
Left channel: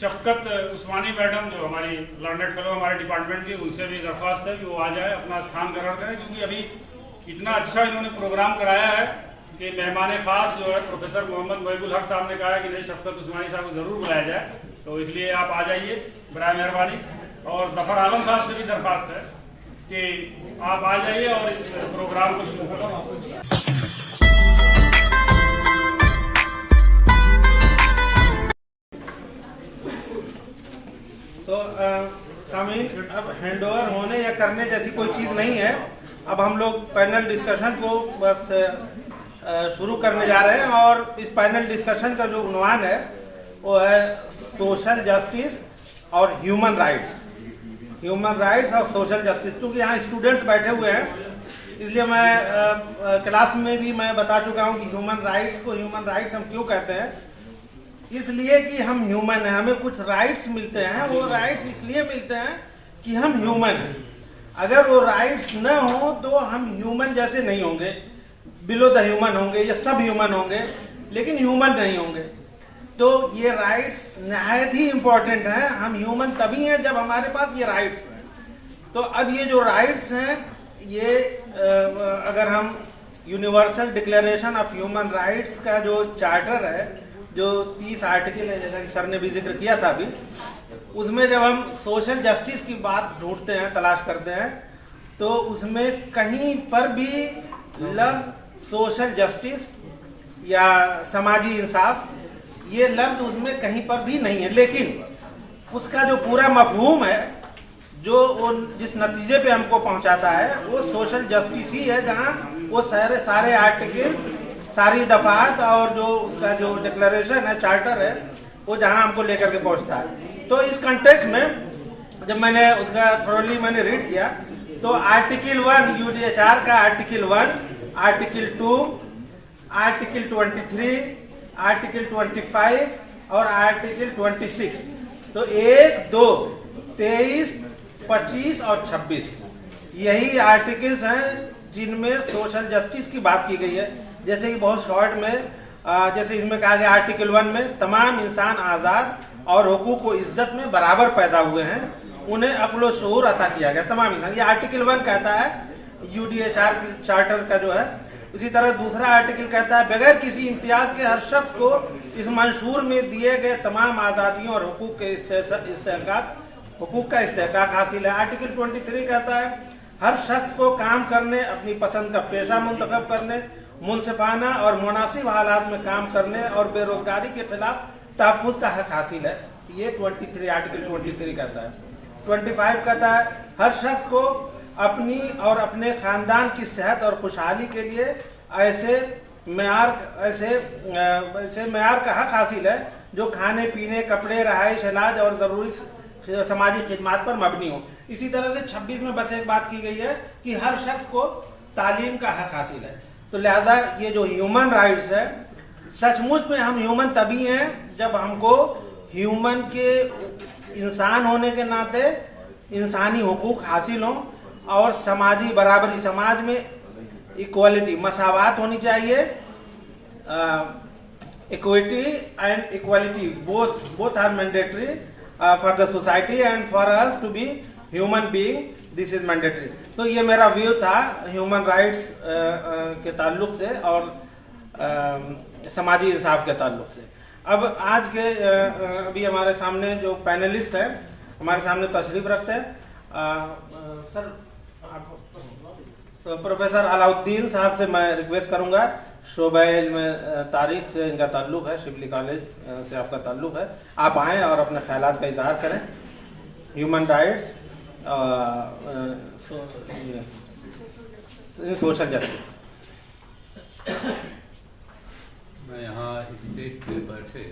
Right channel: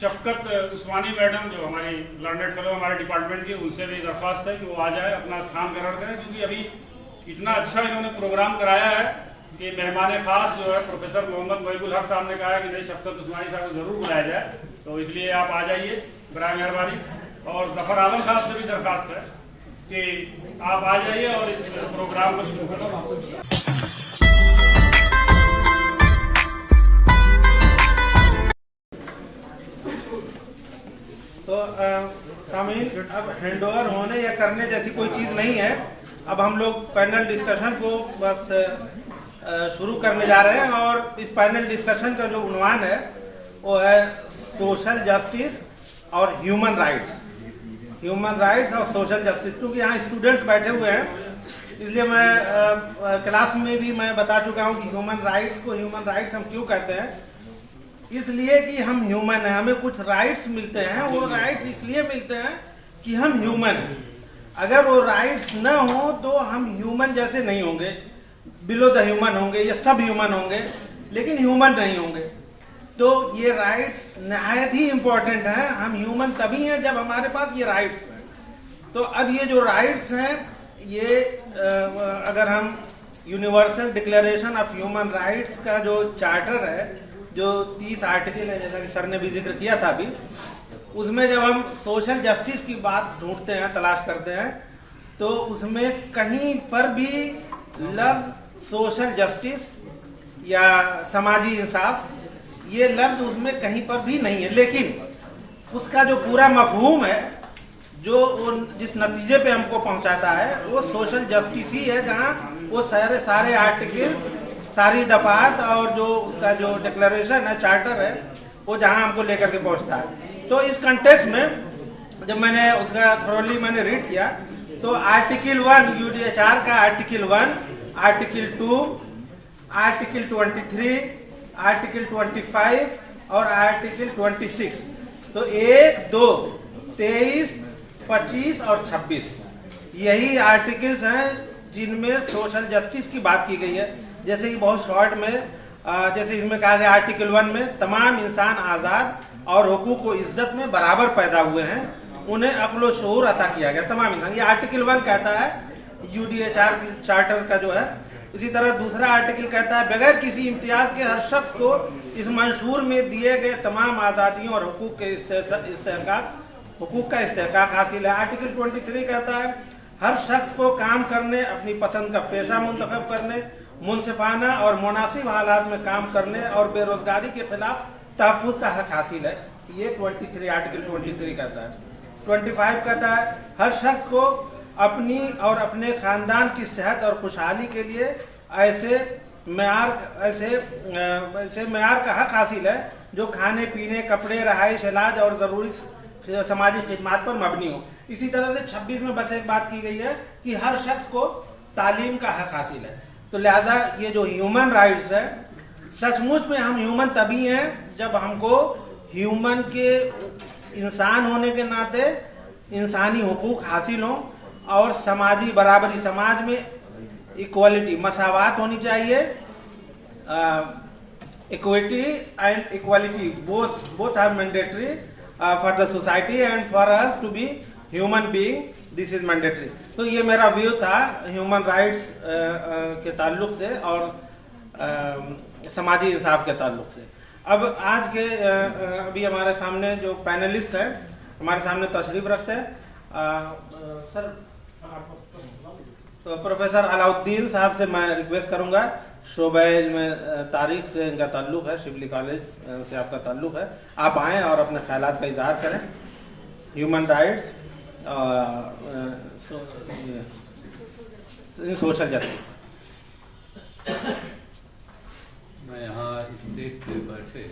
शफकत उस्मानी मैडम जो हमारी लर्नेड फेलो हमारे डिपार्टमेंट की, उनसे भी दरख्वास्त है कि वो आ जाए, अपना स्थान ग्रहण करें, क्योंकि अभी इतना अच्छा इन्होंने प्रोग्राम कराया है कि मेहमान खास जो है प्रोफेसर मोहम्मद मोहिबुल हक साहब ने कहा है कि नहीं, शफकत उस्मानी साहब को जरूर बुलाया जाए, तो इसलिए आप आ जाइए बराए मेहरबानी। और जफर आलम साहब से भी दरखास्त है कि आप आ जाइए और इस प्रोग्राम को शुरू करें। तो सामीन, अब हैंडओवर होने या करने जैसी कोई चीज नहीं है। अब हम लोग पैनल डिस्कशन को बस शुरू करने जा रहे हैं और इस पैनल डिस्कशन का जो उन्वान है वो है सोशल जस्टिस और ह्यूमन राइट्स और सोशल जस्टिस। क्योंकि यहाँ स्टूडेंट्स बैठे हुए हैं इसलिए मैं क्लास में भी मैं बता चुका हूँ कि ह्यूमन राइट्स हम क्यों कहते हैं। इसलिए कि हम ह्यूमन हैं, हमें कुछ राइट्स मिलते हैं। वो राइट्स इसलिए मिलते हैं कि हम ह्यूमन हैं। अगर वो राइट्स न हो तो हम ह्यूमन जैसे नहीं होंगे, बिलो द ह्यूमन होंगे या सब ह्यूमन होंगे, लेकिन ह्यूमन नहीं होंगे। तो ये राइट्स निहायत ही इम्पोर्टेंट हैं। हम ह्यूमन तभी हैं जब हमारे पास ये राइट्स हैं। तो अब ये जो राइट्स हैं ये अगर हम universal declaration of human rights का जो चार्टर है, जो 30 आर्टिकल है, जैसा कि सर ने भी जिक्र किया था अभी, उसमें जब हम सोशल जस्टिस की बात ढूंढते हैं, तलाश करते हैं, तो उसमें कहीं पर भी लफ्ज सोशल जस्टिस या समाजी इंसाफ ये लफ्ज उसमें कहीं पर भी नहीं है। लेकिन उसका जो पूरा मफहूम है, जो वो जिस नतीजे पे हमको पहुंचाता है, वो सोशल जस्टिस ही है, जहां वो सारे आर्टिकल, सारी दफात और जो उसका जो डिक्लेरेशन है, चार्टर है, वो जहां हमको लेकर के पहुंचता है। तो इस कंटेक्स्ट में जब मैंने उसका थोरली मैंने रीड किया तो आर्टिकल 1 यूडीएचआर का आर्टिकल 1, आर्टिकल 2, आर्टिकल 23, आर्टिकल 25 और आर्टिकल 26, तो 1, 2, 23, 25 और 26 यही आर्टिकल्स हैं जिनमें सोशल जस्टिस की बात की गई है। जैसे कि बहुत शॉर्ट में जैसे इसमें कहा गया आर्टिकल 1 में तमाम इंसान आजाद और हुकूक व इज्जत में बराबर पैदा हुए हैं, उन्हें अक्ल शऊर अता किया गया, तमाम इंसान। ये आर्टिकल 1 कहता है यूडीएचआर चार्टर का जो है। इसी तरह दूसरा आर्टिकल कहता है बगैर किसी इम्तियाज के हर शख्स को इस मंशूर में दिए गए तमाम आजादियों और हुकूक का इस्तेहकाक हासिल है। आर्टिकल 23 कहता है हर शख्स को काम करने, अपनी पसंद का पेशा मुंतखब करने, मुनसिफाना और मुनासिब हालात में काम करने और बेरोजगारी के खिलाफ तहफ़्फ़ुज़ का हक हासिल है। ये 23 आर्टिकल 23 कहता है। 25 कहता है हर शख्स को अपनी और अपने खानदान की सेहत और खुशहाली के लिए ऐसे मेयार का हक हासिल है जो खाने पीने, कपड़े, रहाइश, इलाज और जरूरी समाजी खिदमात पर मबनी हो। इसी तरह से 26 में बस एक बात की गई है कि हर शख्स को तालीम का हक हासिल है। तो लिहाजा ये जो ह्यूमन राइट्स है, सचमुच में हम ह्यूमन तभी हैं जब हमको ह्यूमन के इंसान होने के नाते इंसानी हुकूक हासिल हो और समाजी बराबरी, समाज में इक्वालिटी, मसावात होनी चाहिए। Equity and equality both are mandatory for the society and for us to be human being, this is mandatory. तो ये मेरा व्यू था ह्यूमन राइट्स के ताल्लुक से और समाजी इंसाफ के ताल्लुक से। अब आज के अभी हमारे सामने जो पैनलिस्ट है हमारे सामने तशरीफ रखते हैं सर, तो प्रोफेसर अलाउद्दीन साहब से मैं रिक्वेस्ट करूंगा, शोबा में तारीख से इनका ताल्लुक है, शिबली कॉलेज से आपका ताल्लुक है, आप आएं और अपने ख्यालात का इजहार करें ह्यूमन राइट्स सोशल जस्टिस। मैं यहाँ स्टेज पे बैठे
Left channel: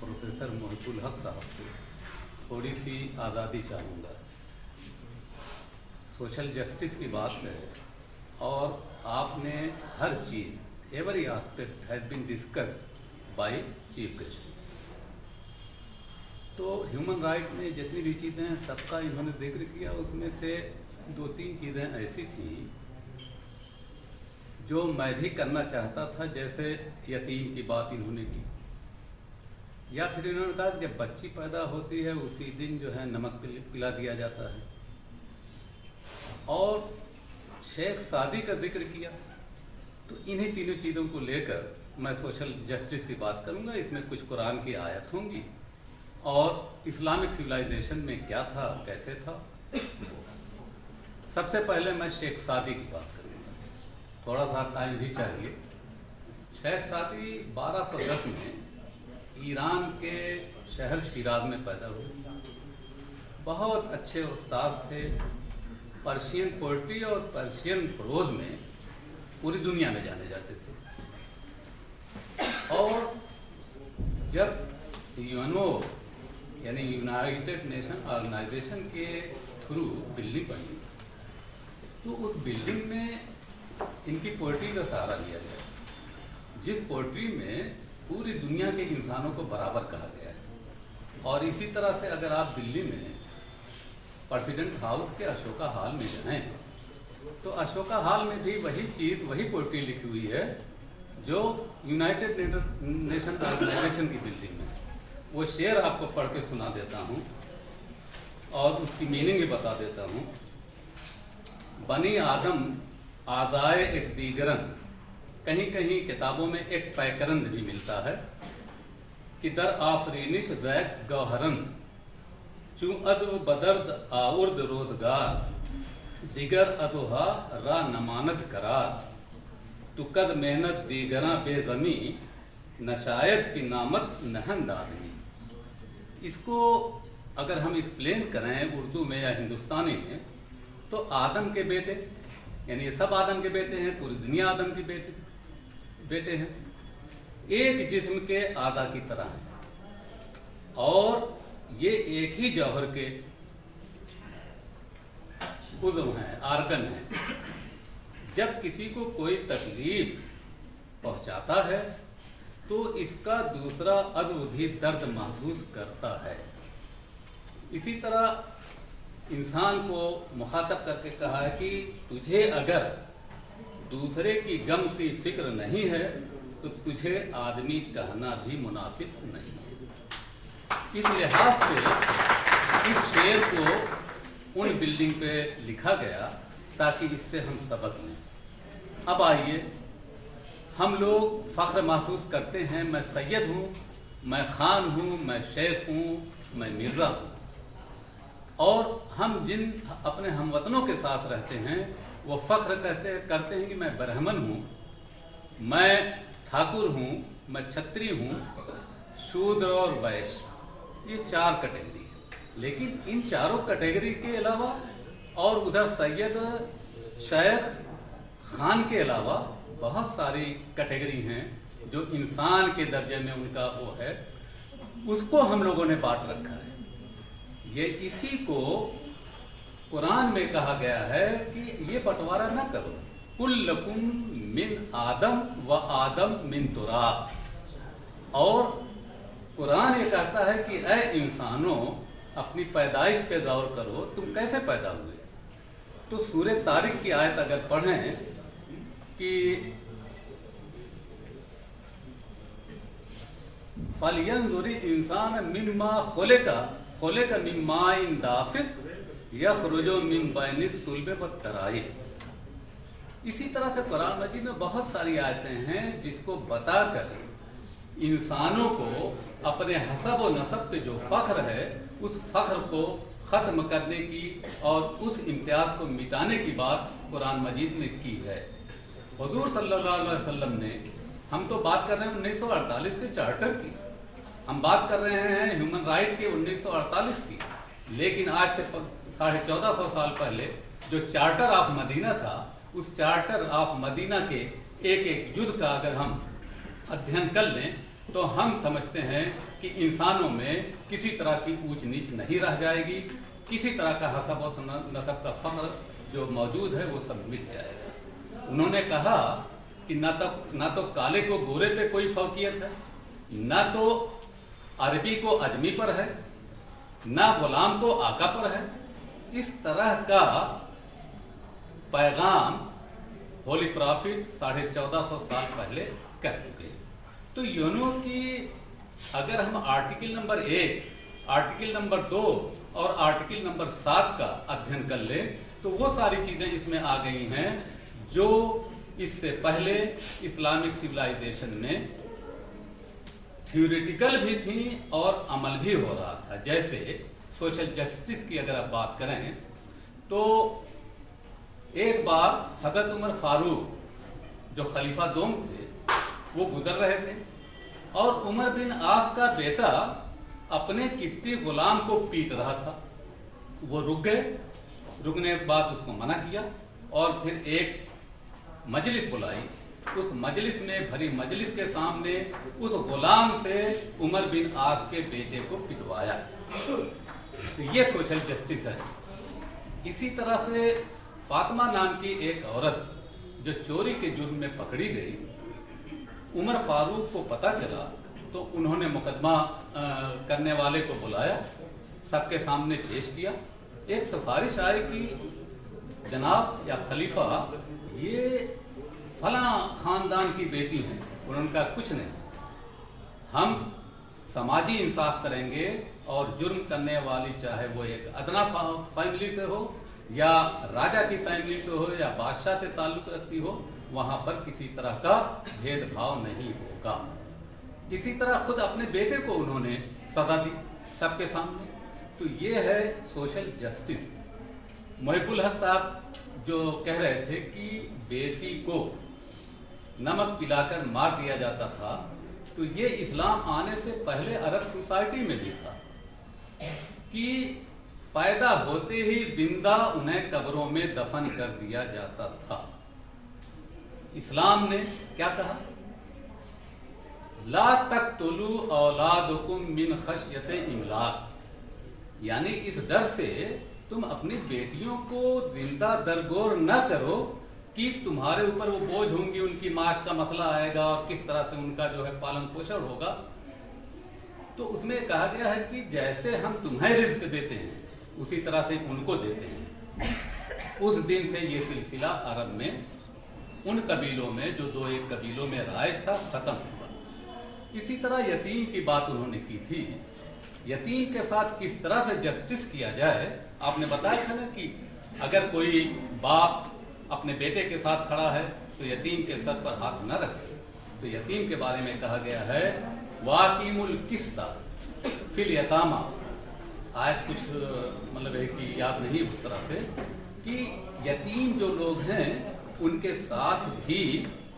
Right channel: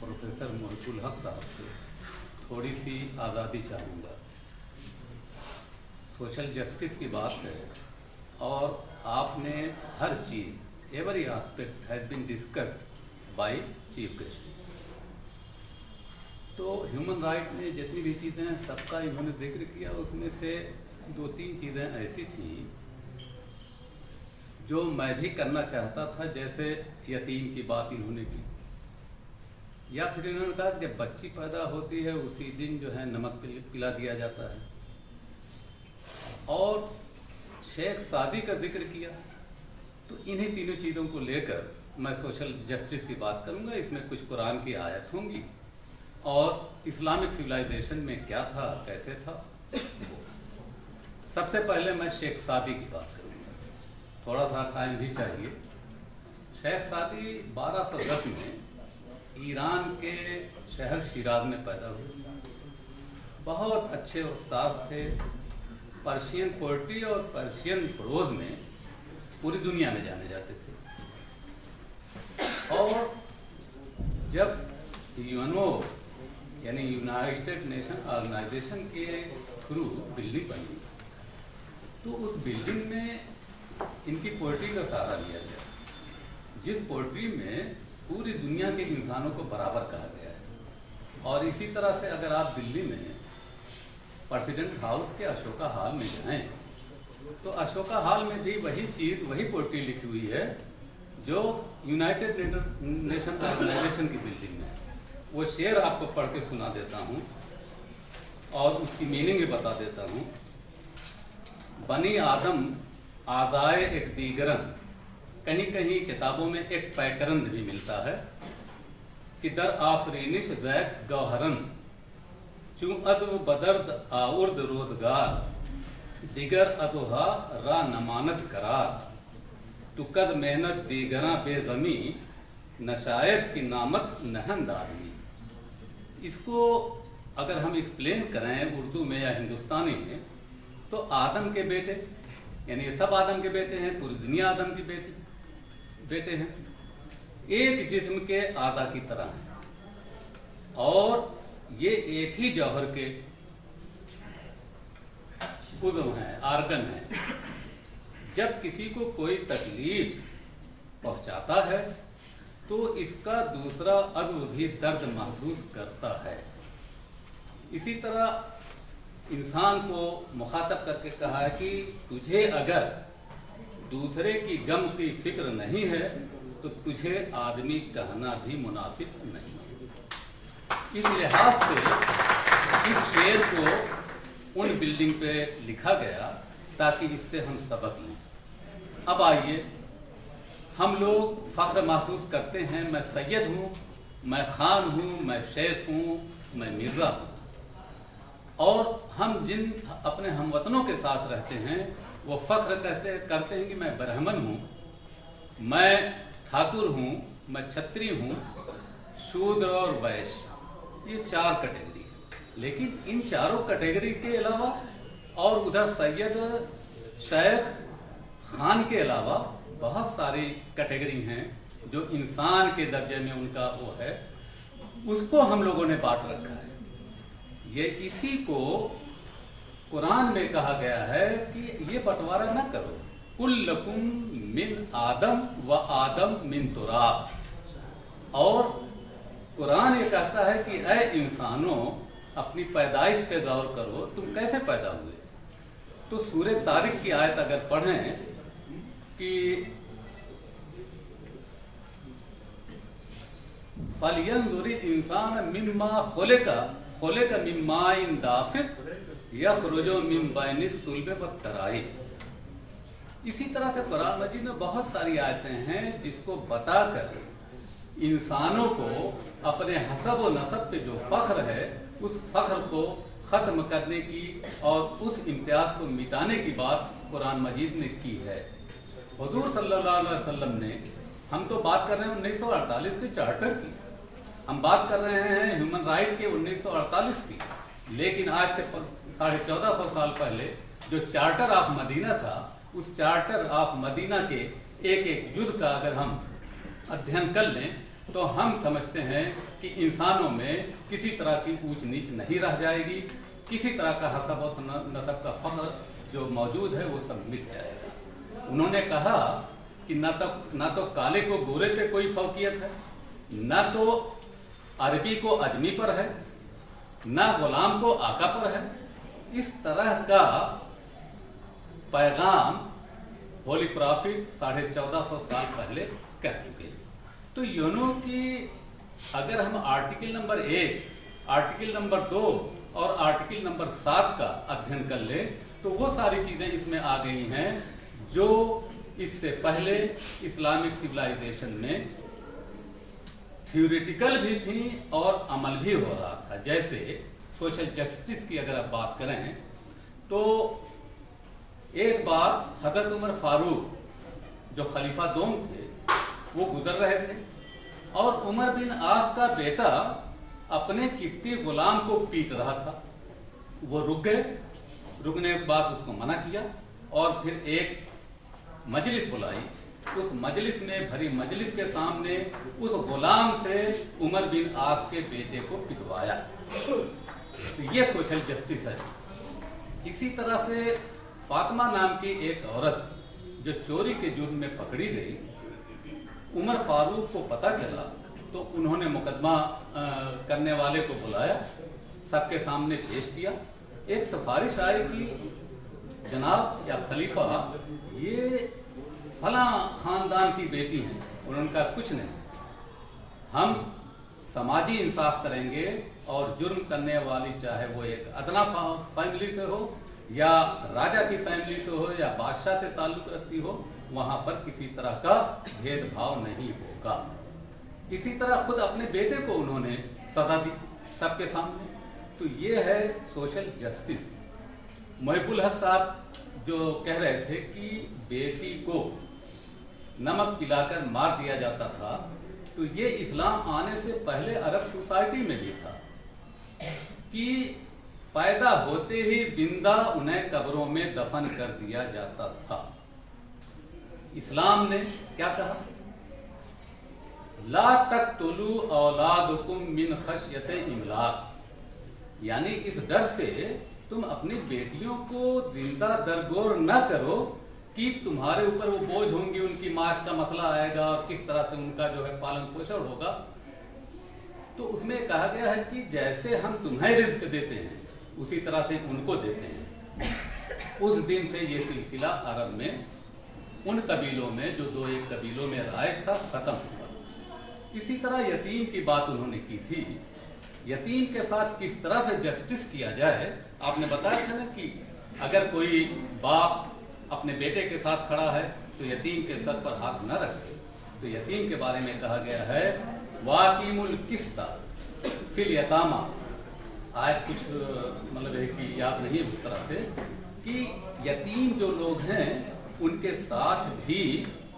प्रोफेसर मोहितुल हक साहब से थोड़ी सी आज़ादी चाहूँगा। सोशल जस्टिस की बात है और आपने हर चीज़, every aspect has been discussed by chief guest. तो ह्यूमन राइट में जितनी भी चीज़ें हैं सबका इन्होंने जिक्र किया। उसमें से 2-3 चीज़ें ऐसी थी जो मैं भी करना चाहता था, जैसे यतीम की बात इन्होंने की, या फिर इन्होंने कहा जब बच्ची पैदा होती है उसी दिन जो है नमक पिला दिया जाता है, और शेख सादी का जिक्र किया। तो इन्हीं तीनों चीज़ों को लेकर मैं सोशल जस्टिस की बात करूंगा। इसमें कुछ कुरान की आयत होंगी और इस्लामिक सिविलाइजेशन में क्या था, कैसे था। सबसे पहले मैं शेख सादी की बात करूंगा, थोड़ा सा टाइम भी चाहिए। शेख सादी 1210 में ईरान के शहर शिराज में पैदा हुए। बहुत अच्छे उस्ताद थे, पर्शियन पोएट्री और पर्शियन प्रोज में पूरी दुनिया में जाने जाते थे। और जब यूएनओ यानी यूनाइटेड नेशन ऑर्गेनाइजेशन के थ्रू बिल्डिंग बनी, तो उस बिल्डिंग में इनकी पोएट्री का सहारा लिया गया, जिस पोएट्री में पूरी दुनिया के इंसानों को बराबर कहा गया है। और इसी तरह से अगर आप दिल्ली में प्रेसिडेंट हाउस के अशोका हॉल में जाएं, तो अशोका हॉल में भी वही चीज, वही पोएट्री लिखी हुई है जो यूनाइटेड नेशन ऑर्गेनाइजेशन की बिल्डिंग में है। वो शेर आपको पढ़ के सुना देता हूं और उसकी मीनिंग भी बता देता हूं। बनी आदम आदाए एक दीगरन, कहीं कहीं किताबों में एक पैकरंद भी मिलता है कि दर आफरीनिश दैक गौहरन चूं अदव बदर्द आउर्द रोजगार दिगर अदुहा रा नमानत करार तु कद मेहनत दीगरा बेगमी नशायद की नामत नहन दादमी। इसको अगर हम एक्सप्लेन करें उर्दू में या हिंदुस्तानी में, तो आदम के बेटे, यानी ये सब आदम के बेटे हैं, पूरी दुनिया आदम की बेटे हैं, एक जिस्म के आधा की तरह हैं और ये एक ही जौहर के उज़्व हैं, आर्गन हैं। जब किसी को कोई तकलीफ पहुंचाता है तो इसका दूसरा अज़्व भी दर्द महसूस करता है। इसी तरह इंसान को मुखातब करके कहा है कि तुझे अगर दूसरे की गम की फिक्र नहीं है तो तुझे आदमी कहना भी मुनासिब नहीं है। इस लिहाज से इस शेर को उन बिल्डिंग पे लिखा गया ताकि इससे हम सबक लें। अब आइए, हम लोग फख्र महसूस करते हैं, मैं सैयद हूं, मैं खान हूं, मैं शेख हूं, मैं मिर्जा हूं, और हम जिन अपने हमवतनों के साथ रहते हैं वो फख्र करते हैं कि मैं ब्राह्मण हूं, मैं ठाकुर हूं, मैं छत्री हूं, शूद्र और वैश्य, ये 4 कैटेगरी है। लेकिन इन चारों कैटेगरी के अलावा और उधर सैयद, शेख, खान के अलावा बहुत सारी कैटेगरी हैं जो इंसान के दर्जे में उनका वो है, उसको हम लोगों ने बांट रखा है। ये इसी को कुरान में कहा गया है कि ये बंटवारा न करो, कुल्लकुम मिन आदम व आदम मिन तुराब। और कुरान ये कहता है कि ऐ इंसानों, अपनी पैदाइश पे गौर करो, तुम कैसे पैदा हुए। तो सूरह तारिक की आयत अगर पढ़ें कि फलियंजुरी इंसान मिम्मा खुलिका मिम्माइन दाफिक यखरुजु मिन बैनि सुल्बि व तराइब। इसी तरह से कुरान मजीद में बहुत सारी आयतें हैं जिसको बताकर इंसानों को अपने हसब व नसब पे जो फख्र है उस फख्र को खत्म करने की और उस इम्तियाज को मिटाने की बात कुरान मजीद ने की है। हुजूर सल्लल्लाहु अलैहि वसल्लम ने, हम तो बात कर रहे हैं 1948 के चार्टर की, हम बात कर रहे हैं ह्यूमन राइट के 1948 की, लेकिन आज से 1450 साल पहले जो चार्टर ऑफ मदीना था, उस चार्टर ऑफ मदीना के एक एक युद्ध का अगर हम अध्ययन कर लें तो हम समझते हैं कि इंसानों में किसी तरह की ऊंच नीच नहीं रह जाएगी, किसी तरह का हसब और नसब का फख्र जो मौजूद है वो सब मिट जाएगा। उन्होंने कहा कि ना तो काले को गोरे पे कोई फौकियत है, ना तो अरबी को अजमी पर है, ना गुलाम को आका पर है। इस तरह का पैगाम होली प्रॉफिट 1450 साल पहले कर चुके। तो यूएनओ की अगर हम आर्टिकल नंबर 1, आर्टिकल नंबर 2 और आर्टिकल नंबर 7 का अध्ययन कर ले तो वो सारी चीजें इसमें आ गई हैं जो इससे पहले इस्लामिक सिविलाइजेशन में थ्योरेटिकल भी थी और अमल भी हो रहा था। जैसे सोशल जस्टिस की अगर आप बात करें तो एक बार हजरत उमर फारूक जो खलीफा दोम थे वो गुजर रहे थे और उमर बिन आस का बेटा अपने किप्ती गुलाम को पीट रहा था। वो रुक गए, रुकने के बाद उसको मना किया और फिर एक मजलिस बुलाई। उस मजलिस में भरी मजलिस के सामने उस गुलाम से उमर बिन आस के बेटे को पिटवाया। तो ये सोशल जस्टिस है। इसी तरह से फातिमा नाम की एक औरत जो चोरी के जुर्म में पकड़ी गई, उमर फारूक को पता चला तो उन्होंने मुकदमा करने वाले को बुलाया, सबके सामने पेश किया। एक सिफारिश आई कि जनाब या खलीफा, ये फला खानदान की बेटी हैं। उन्होंने कहा कुछ नहीं, हम समाजी इंसाफ करेंगे और जुर्म करने वाली चाहे वो एक अदना फैमिली से हो या राजा की फैमिली से हो या बादशाह से ताल्लुक रखती हो, वहां पर किसी तरह का भेदभाव नहीं होगा। इसी तरह खुद अपने बेटे को उन्होंने सजा दी सबके सामने। तो ये है सोशल जस्टिस। मुहिबुल हक साहब जो कह रहे थे कि बेटी को नमक पिलाकर मार दिया जाता था, तो ये इस्लाम आने से पहले अरब सोसाइटी में भी था कि पैदा होते ही जिंदा उन्हें कब्रों में दफन कर दिया जाता था। इस्लाम ने क्या कहा? ला तक़्तुलू औलादकुम मिन खश्यते इमलाक, यानी इस डर से तुम अपनी बेटियों को जिंदा दरगोर न करो कि तुम्हारे ऊपर वो बोझ होंगी, उनकी माश का मसला आएगा और किस तरह से उनका जो है पालन पोषण होगा। तो उसमें कहा गया है कि जैसे हम तुम्हें रिज्क देते हैं उसी तरह से उनको देते हैं। उस दिन से ये सिलसिला अरब में उन कबीलों में जो 2-1 कबीलों में राइज था खत्म हुआ। इसी तरह यतीम की बात उन्होंने की थी। यतीम के साथ किस तरह से जस्टिस किया जाए, आपने बताया था ना कि अगर कोई बाप अपने बेटे के साथ खड़ा है तो यतीम के सर पर हाथ न रखे। तो यतीम के बारे में कहा गया है वाकीमुल किस्ता फिल यतामा। आयत कुछ मतलब है कि याद नहीं उस तरह से कि यतीम जो लोग हैं उनके साथ भी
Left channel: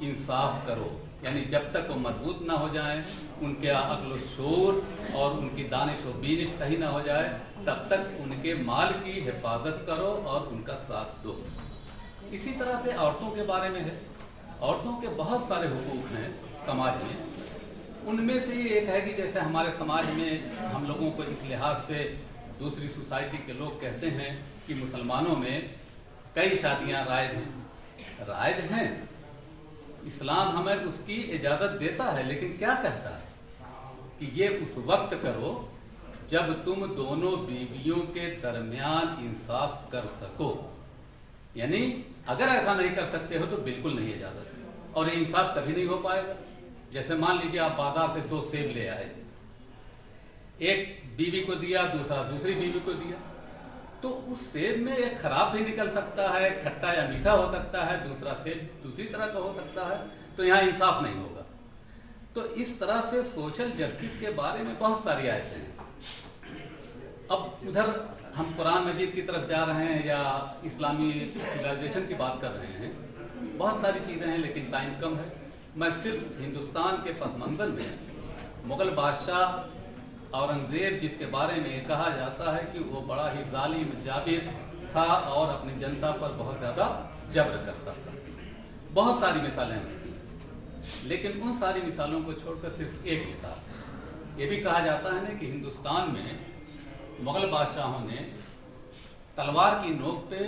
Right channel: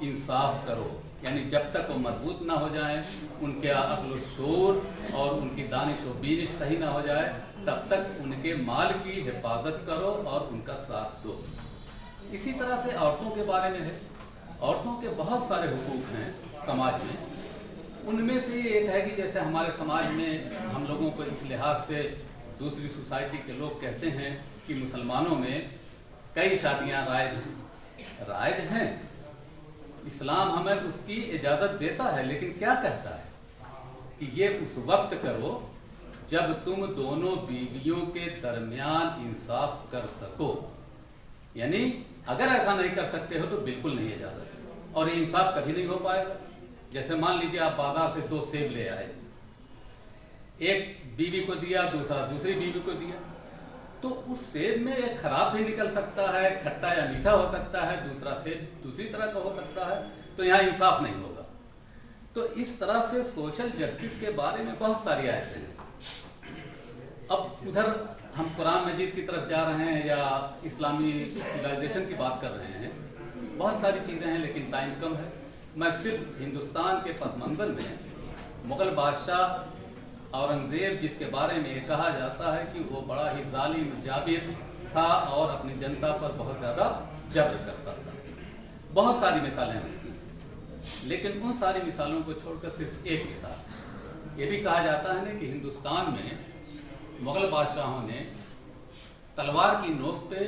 इंसाफ करो, यानी जब तक वो मजबूत ना हो जाए, उनके अक्ल शोर और उनकी दानिश व बीनिश सही ना हो जाए, तब तक उनके माल की हिफाजत करो और उनका साथ दो। इसी तरह से औरतों के बारे में है। औरतों के बहुत सारे हुकूक हैं समाज में। उनमें से एक है कि जैसे हमारे समाज में हम लोगों को इस लिहाज से दूसरी सोसाइटी के लोग कहते हैं कि मुसलमानों में कई शादियां राइज हैं। इस्लाम हमें उसकी इजाजत देता है, लेकिन क्या कहता है कि ये उस वक्त करो जब तुम दोनों बीवियों के दरमियान इंसाफ कर सको। यानी अगर ऐसा नहीं कर सकते हो तो बिल्कुल नहीं इजाजत है, और ये इंसाफ कभी नहीं हो पाएगा। जैसे मान लीजिए आप बाजार से 2 सेब ले आए, एक बीवी को दिया, दूसरा दूसरी बीवी को दिया, तो उस सेब में एक खराब भी निकल सकता है, खट्टा या मीठा हो सकता है, दूसरा सेब दूसरी तरह का हो सकता है, तो यहाँ इंसाफ नहीं होगा। तो इस तरह से सोशल जस्टिस के बारे में बहुत सारी आयतें हैं। अब उधर हम कुरान मजीद की तरफ जा रहे हैं या इस्लामी सिविलाइजेशन की बात कर रहे हैं, बहुत सारी चीजें हैं लेकिन टाइम कम है। मैं सिर्फ हिंदुस्तान के पस मंजर में मुगल बादशाह औरंगजेब, जिसके बारे में कहा जाता है कि वो बड़ा ही जालिम जाबिर था और अपनी जनता पर बहुत ज्यादा जबर करता था, बहुत सारी मिसालें हैं उसकी। लेकिन उन सारी मिसालों को छोड़कर सिर्फ एक मिसाल ये भी कहा जाता है ना कि हिंदुस्तान में मुगल बादशाहों ने तलवार की नोक पे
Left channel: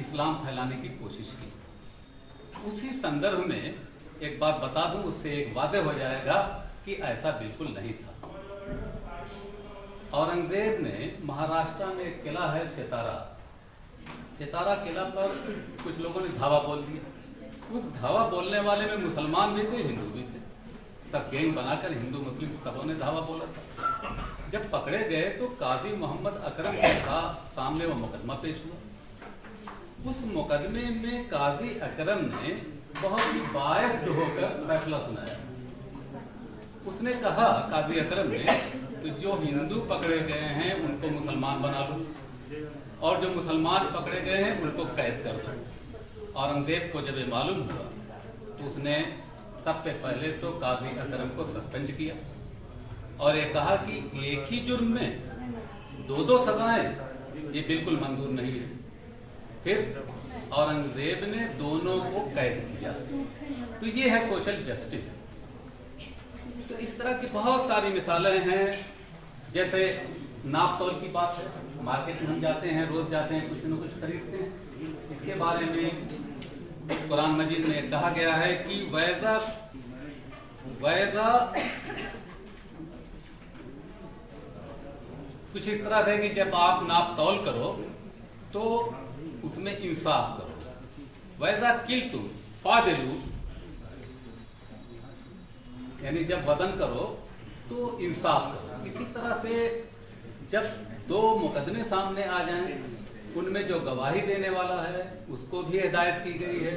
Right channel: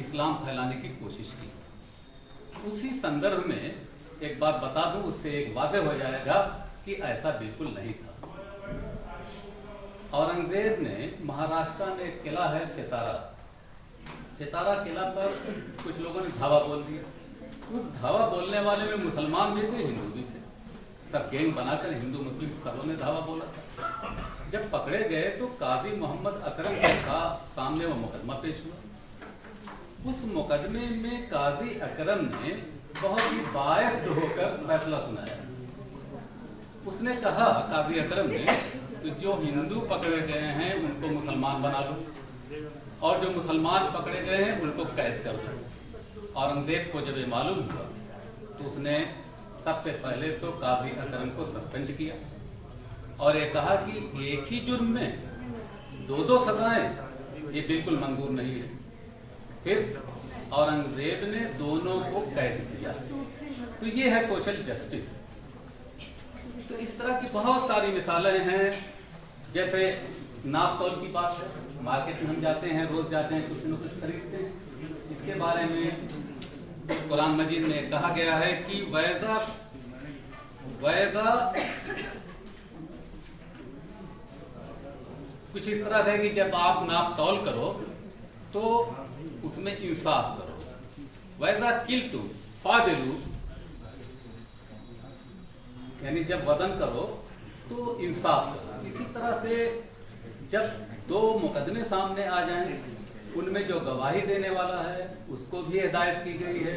इस्लाम फैलाने की कोशिश की। उसी संदर्भ में एक बात बता दूं, उससे एक वादे हो जाएगा कि ऐसा बिल्कुल नहीं था। औरंगजेब ने महाराष्ट्र में एक किला है सितारा किला पर कुछ लोगों ने धावा बोल दिया। उस धावा बोलने वाले में मुसलमान भी थे, हिंदू भी थे, सब गैंग बनाकर हिंदू मुस्लिम सबों ने धावा बोला था। जब पकड़े गए तो काजी मोहम्मद अकरम के सामने वो मुकदमा पेश हुआ। उस मुकदमे में काजी अकरम ने बहुत ही बायस्ड होकर फैसला सुनाया। उसने कहा, काजी अकरम ने, तो जो हिंदू पकड़े गए हैं उनको मुसलमान बना दो और जो मुसलमान पकड़े गए हैं उनको कैद कर दो। औरंगजेब को जब ये मालूम हुआ तो उसने सबसे पहले तो काजी अकरम को सस्पेंड किया और ये कहा कि एक ही जुर्म में 2-2 सजाएं ये बिल्कुल मंजूर नहीं है। फिर औरंगजेब ने दोनों को कैद किया। तो ये है सोशल जस्टिस। तो इस तरह की बहुत सारी मिसालें हैं। जैसे नाप तौल की बात है, मार्केट में हम जाते हैं, रोज जाते हैं, कुछ न कुछ खरीदते हैं। इसके बारे में कुरान मजीद में कहा गया है कि वैजा कुछ इस तरह से कि जब आप नाप तौल करो तो उसमें इंसाफ करो। वैजा किल तुम फादिलू, यानी जब वजन करो तो इंसाफ करो। इसी तरह से जब दो मुकदमे सामने आ जाएं, उनमें जो गवाही देने वाला है उसको भी हिदायत की गई है,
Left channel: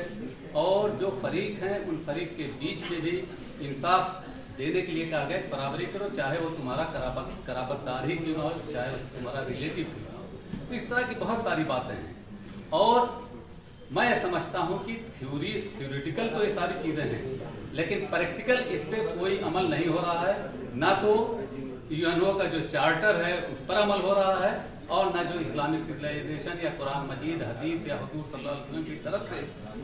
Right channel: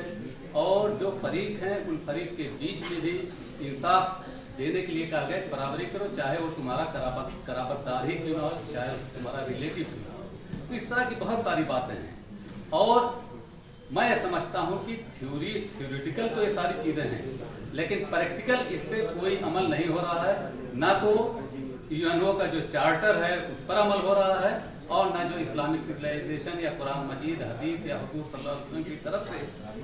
और जो फरीक हैं उन फरीक के बीच में भी इंसाफ देने के लिए कहा गया बराबरी करो, चाहे वो तुम्हारा कराबतदार ही क्यों ना हो, चाहे वो तुम्हारा रिलेटिव क्यों ना हो। तो इस तरह की बहुत सारी बातें हैं। और मैं समझता हूं कि थ्योरिटिकल तो ये सारी चीजें हैं, लेकिन प्रैक्टिकल इस पे कोई अमल नहीं हो रहा है। ना तो यूएनओ का जो चार्टर है उस पर अमल हो रहा है, और ना जो इस्लामिक सिविलाइजेशन या कुरान मजीद, हदीस या हुजूर सल्लल्लाहु अलैहि वसल्लम की तरफ से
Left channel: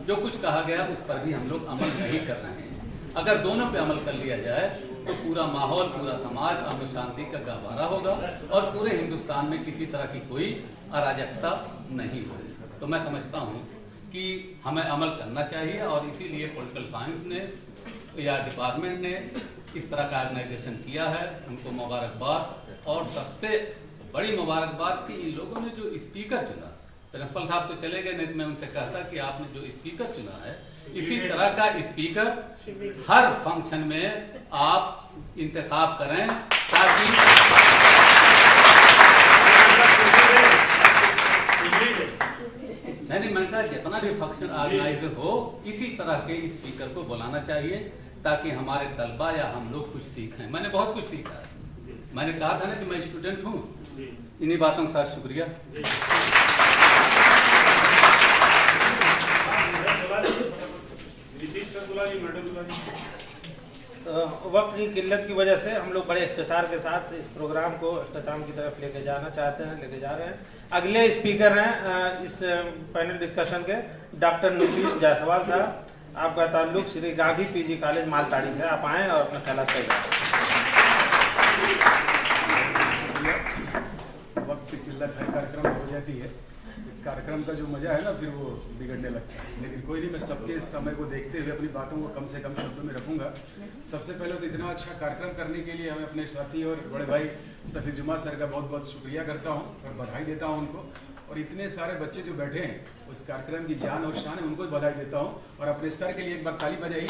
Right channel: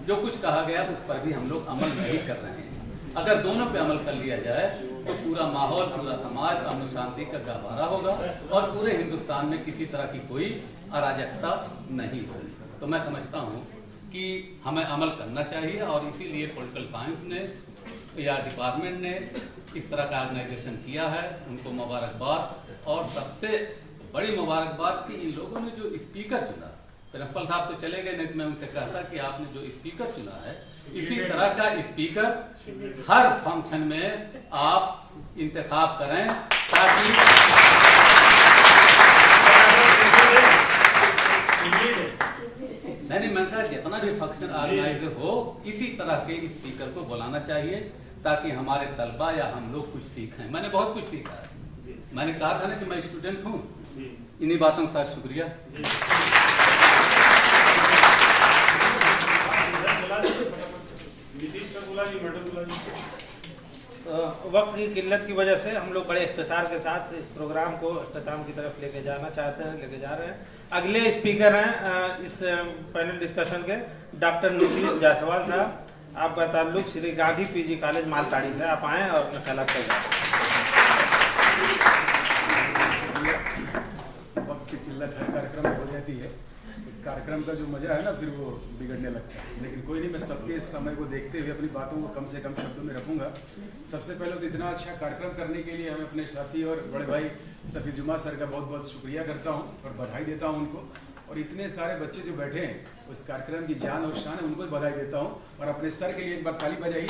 जो कुछ कहा गया उस पर भी हम लोग अमल नहीं कर रहे हैं। अगर दोनों पे अमल कर लिया जाए तो पूरा माहौल, पूरा समाज अमन शांति का गहवारा होगा और पूरे हिंदुस्तान में किसी तरह की कोई अराजकता नहीं होगी। तो मैं समझता हूँ कि हमें अमल करना चाहिए, और इसीलिए पॉलिटिकल साइंस ने या डिपार्टमेंट ने इस तरह का ऑर्गेनाइजेशन किया है। उनको मुबारकबाद, और सबसे बड़ी मुबारकबाद कि इन लोगों ने जो स्पीकर चुना, प्रिंसिपल साहब तो चले गए, नहीं तो मैं उनसे कहता कि आपने जो स्पीकर चुना है, इसी तरह का स्पीकर हर फंक्शन में आप इंतखाब करें, ताकि नहीं मैंने कहा जितना भी फंक्शन ऑर्गेनाइज हो इसी तरह के स्पीकर को बुलाना चाहिए, ताकि हमारे तलबा या हम लोग कुछ सीखें। मैंने बहुत कुछ सीखा है। मैंने कहा था ना कि मैं स्टूडेंट हूँ। इन्हीं बातों के साथ शुक्रिया। वक्त की किल्लत की वजह से हम लोग बड़े इख्तिसार के साथ इस प्रोग्राम को इख्तिताम की तरफ लेके जाना चाहते हैं, लेके जा रहे हैं। अगले स्पीकर हैं इस पैनल डिस्कशन के डॉक्टर नीतीश जायसवाल साहब। आपका ताल्लुक श्री गांधी पीजी कॉलेज मालताड़ी से। आप आए और अपना ख्याल करें। वक्त की किल्लत है, कार्यक्रम हो जाती है। कार्यक्रम का जो मजा है ना फिर वो बिगड़ने लगता है, लेकिन कोई नहीं, मैं सबके समय को देखते हुए अपनी बातों को कम से कम शब्दों में रखूंगा। सबसे पहले तो इतना अच्छा कार्यक्रम करने के लिए हमें अपने साथी और बड़े भाई सफी जुमा सर का बहुत बहुत शुक्रिया करता हूं और बधाई देता हूं उनको, और इतने सारे बच्चे जो बैठे हैं उस कार्यक्रम की जान और शान है, उनको भी बधाई देता हूँ। और अपने सर के लिए एक बार ताली बजाइए।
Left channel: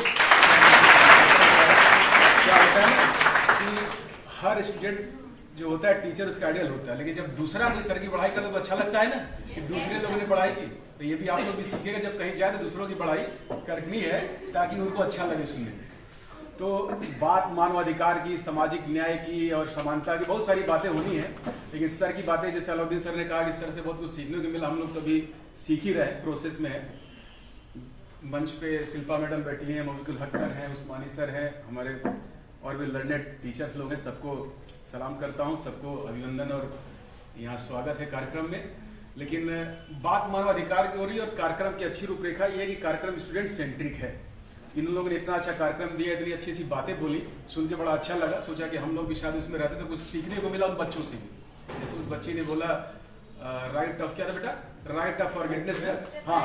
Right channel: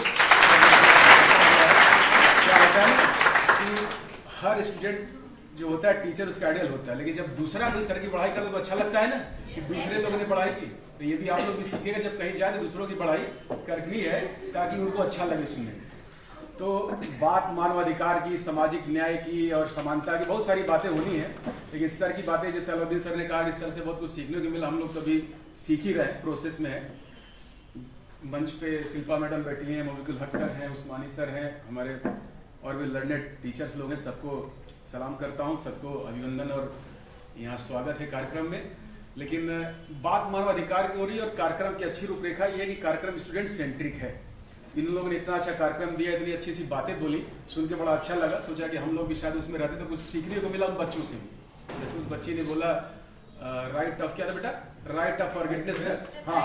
क्या होता है कि हर स्टूडेंट जो होता है टीचर उसका आइडियल होता है, लेकिन जब दूसरा कोई सर की पढ़ाई करता तो अच्छा लगता है ना कि दूसरे लोगों ने पढ़ाई की। तो ये भी आप लोग भी सीखिएगा, जब कहीं जाए तो दूसरों की पढ़ाई करनी है ताकि उनको अच्छा लगे सुनने में। तो बात मानवाधिकार की, सामाजिक न्याय की और समानता की बहुत सारी बातें होनी है, लेकिन सर की बातें जैसे अलाउद्दीन सर ने कहा कि सर से बहुत कुछ सीखने को मिला। हम लोग कभी सीख ही रहे, प्रोसेस में है। मंच पे शिल्पा मैडम बैठी हैं, मोबिकुल हक सर हैं, उस्मानी सर हैं, हमारे और भी लर्नेड टीचर्स लोग हैं। सबको सलाम करता हूं, सबको अभिनंदन और यहाँ स्वागत है कार्यक्रम में। लेकिन बात मानवाधिकार की हो रही है और कार्यक्रम की अच्छी रूपरेखा ये है कि कार्यक्रम स्टूडेंट सेंट्रिक है। इन लोगों ने इतना अच्छा कार्यक्रम दिया, इतनी अच्छी सी बातें बोली, सुन के बड़ा अच्छा लगा। सोचा कि हम लोग भी शायद उसमें रहते तो कुछ सीखने को मिला उन बच्चों से भी। जैसे उस बच्ची ने बोला राइट ऑफ, क्या था बेटा, राइट ऑफ फॉरगेटनेस। हाँ,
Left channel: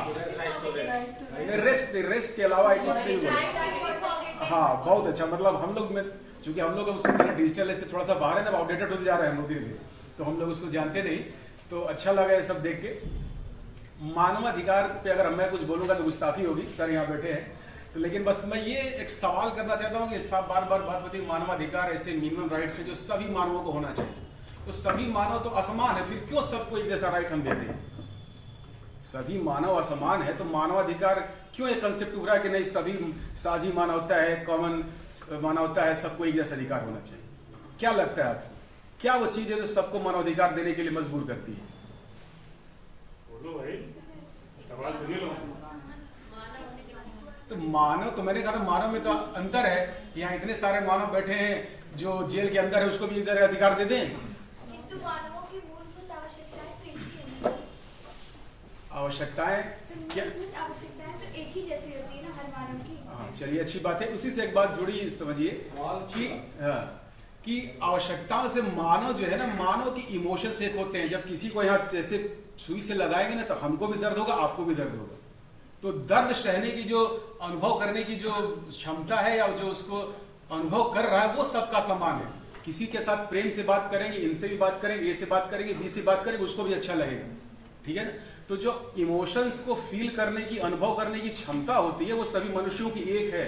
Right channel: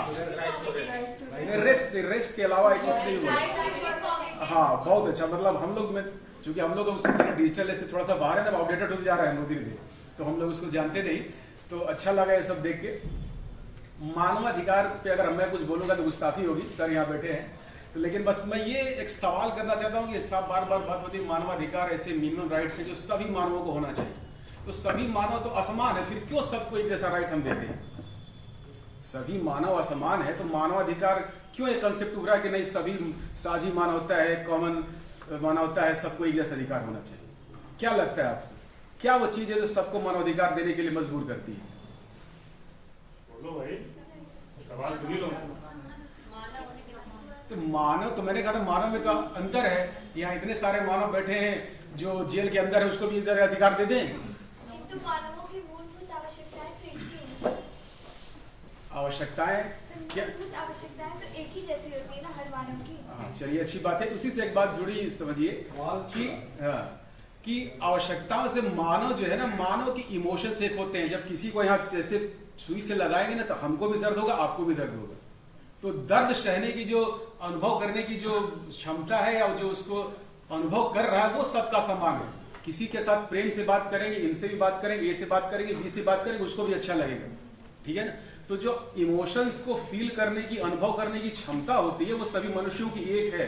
रेस्ट के अलावा एक कुछ नहीं बोला। हाँ, बहुत अच्छा। मतलब हम लोग में चूंकि हम लोग डिजिटल से थोड़ा सा बाहर है ना, अपडेटेड होते जा रहे हैं हम लोग धीरे धीरे, तो हम लोग उसको जानते नहीं। तो अच्छा लगा ये सब देख के। मानवाधिकार पे अगर मैं कुछ बोलूंगा तो गुस्ताखी होगी, सर यहाँ बैठे हैं तो। लेकिन बस मैं ये एक सवाल करना चाहता हूँ कि सब बार बार बात होती है मानवाधिकार ऐसे मिनिमम राइट्स है जो सभी मानवों को होना चाहिए। तो सभी मानव तो असमान है, फिर क्यों सबको एक जैसा राइट हम देते हैं? सभी मानव असमान है तो मानवाधिकार क्यों एक कंसेप्ट उभरा कि नहीं सभी साझी मानवता है, कॉमन मानवता है, सबको एक जैसा अधिकार होना चाहिए? क्या लगता है आपको, क्या वो चीज है जो सबको मानवाधिकार देने के लिए मजबूर करती है? तो मानव, तो मैंने कहा था मानव में तो अंतर है। यहाँ इतने सारे मानव बैठे हैं जो जेल के अंदर है, उसको भी एक जगह अधिकार दे दें। आवश्यकताएं क्या? आवश्यकताएं तो एक ही जैसी होती है ना हर मानव की। हाँ, चलिए अच्छी बात है। उसी से एक बात जुड़ी समझिए कि आवश्यकताओं से मानव जो है ना, मानव की इमोशंस एक होते हैं। जब किसी को यहाँ जैसे सुई से लगाएंगे ना, तो हमको भी दर्द होगा, आपको भी दर्द होगा। तो दर्द सहने की जो अनुभव करने की जो क्षमता है या जो उसको अनुभव कर रहा है, वो सबका समान है। किसी के साथ प्रेम से बात करेंगे, इनसे भी बात करेंगे, ए से बात करेंगे, बी से बात करेंगे, उसको भी अच्छा लगेगा। ठीक है ना? तो जो इमोशंस को फील करने की, अनुभव करने की क्षमता होती है, वो सभी मनुष्यों की एक है।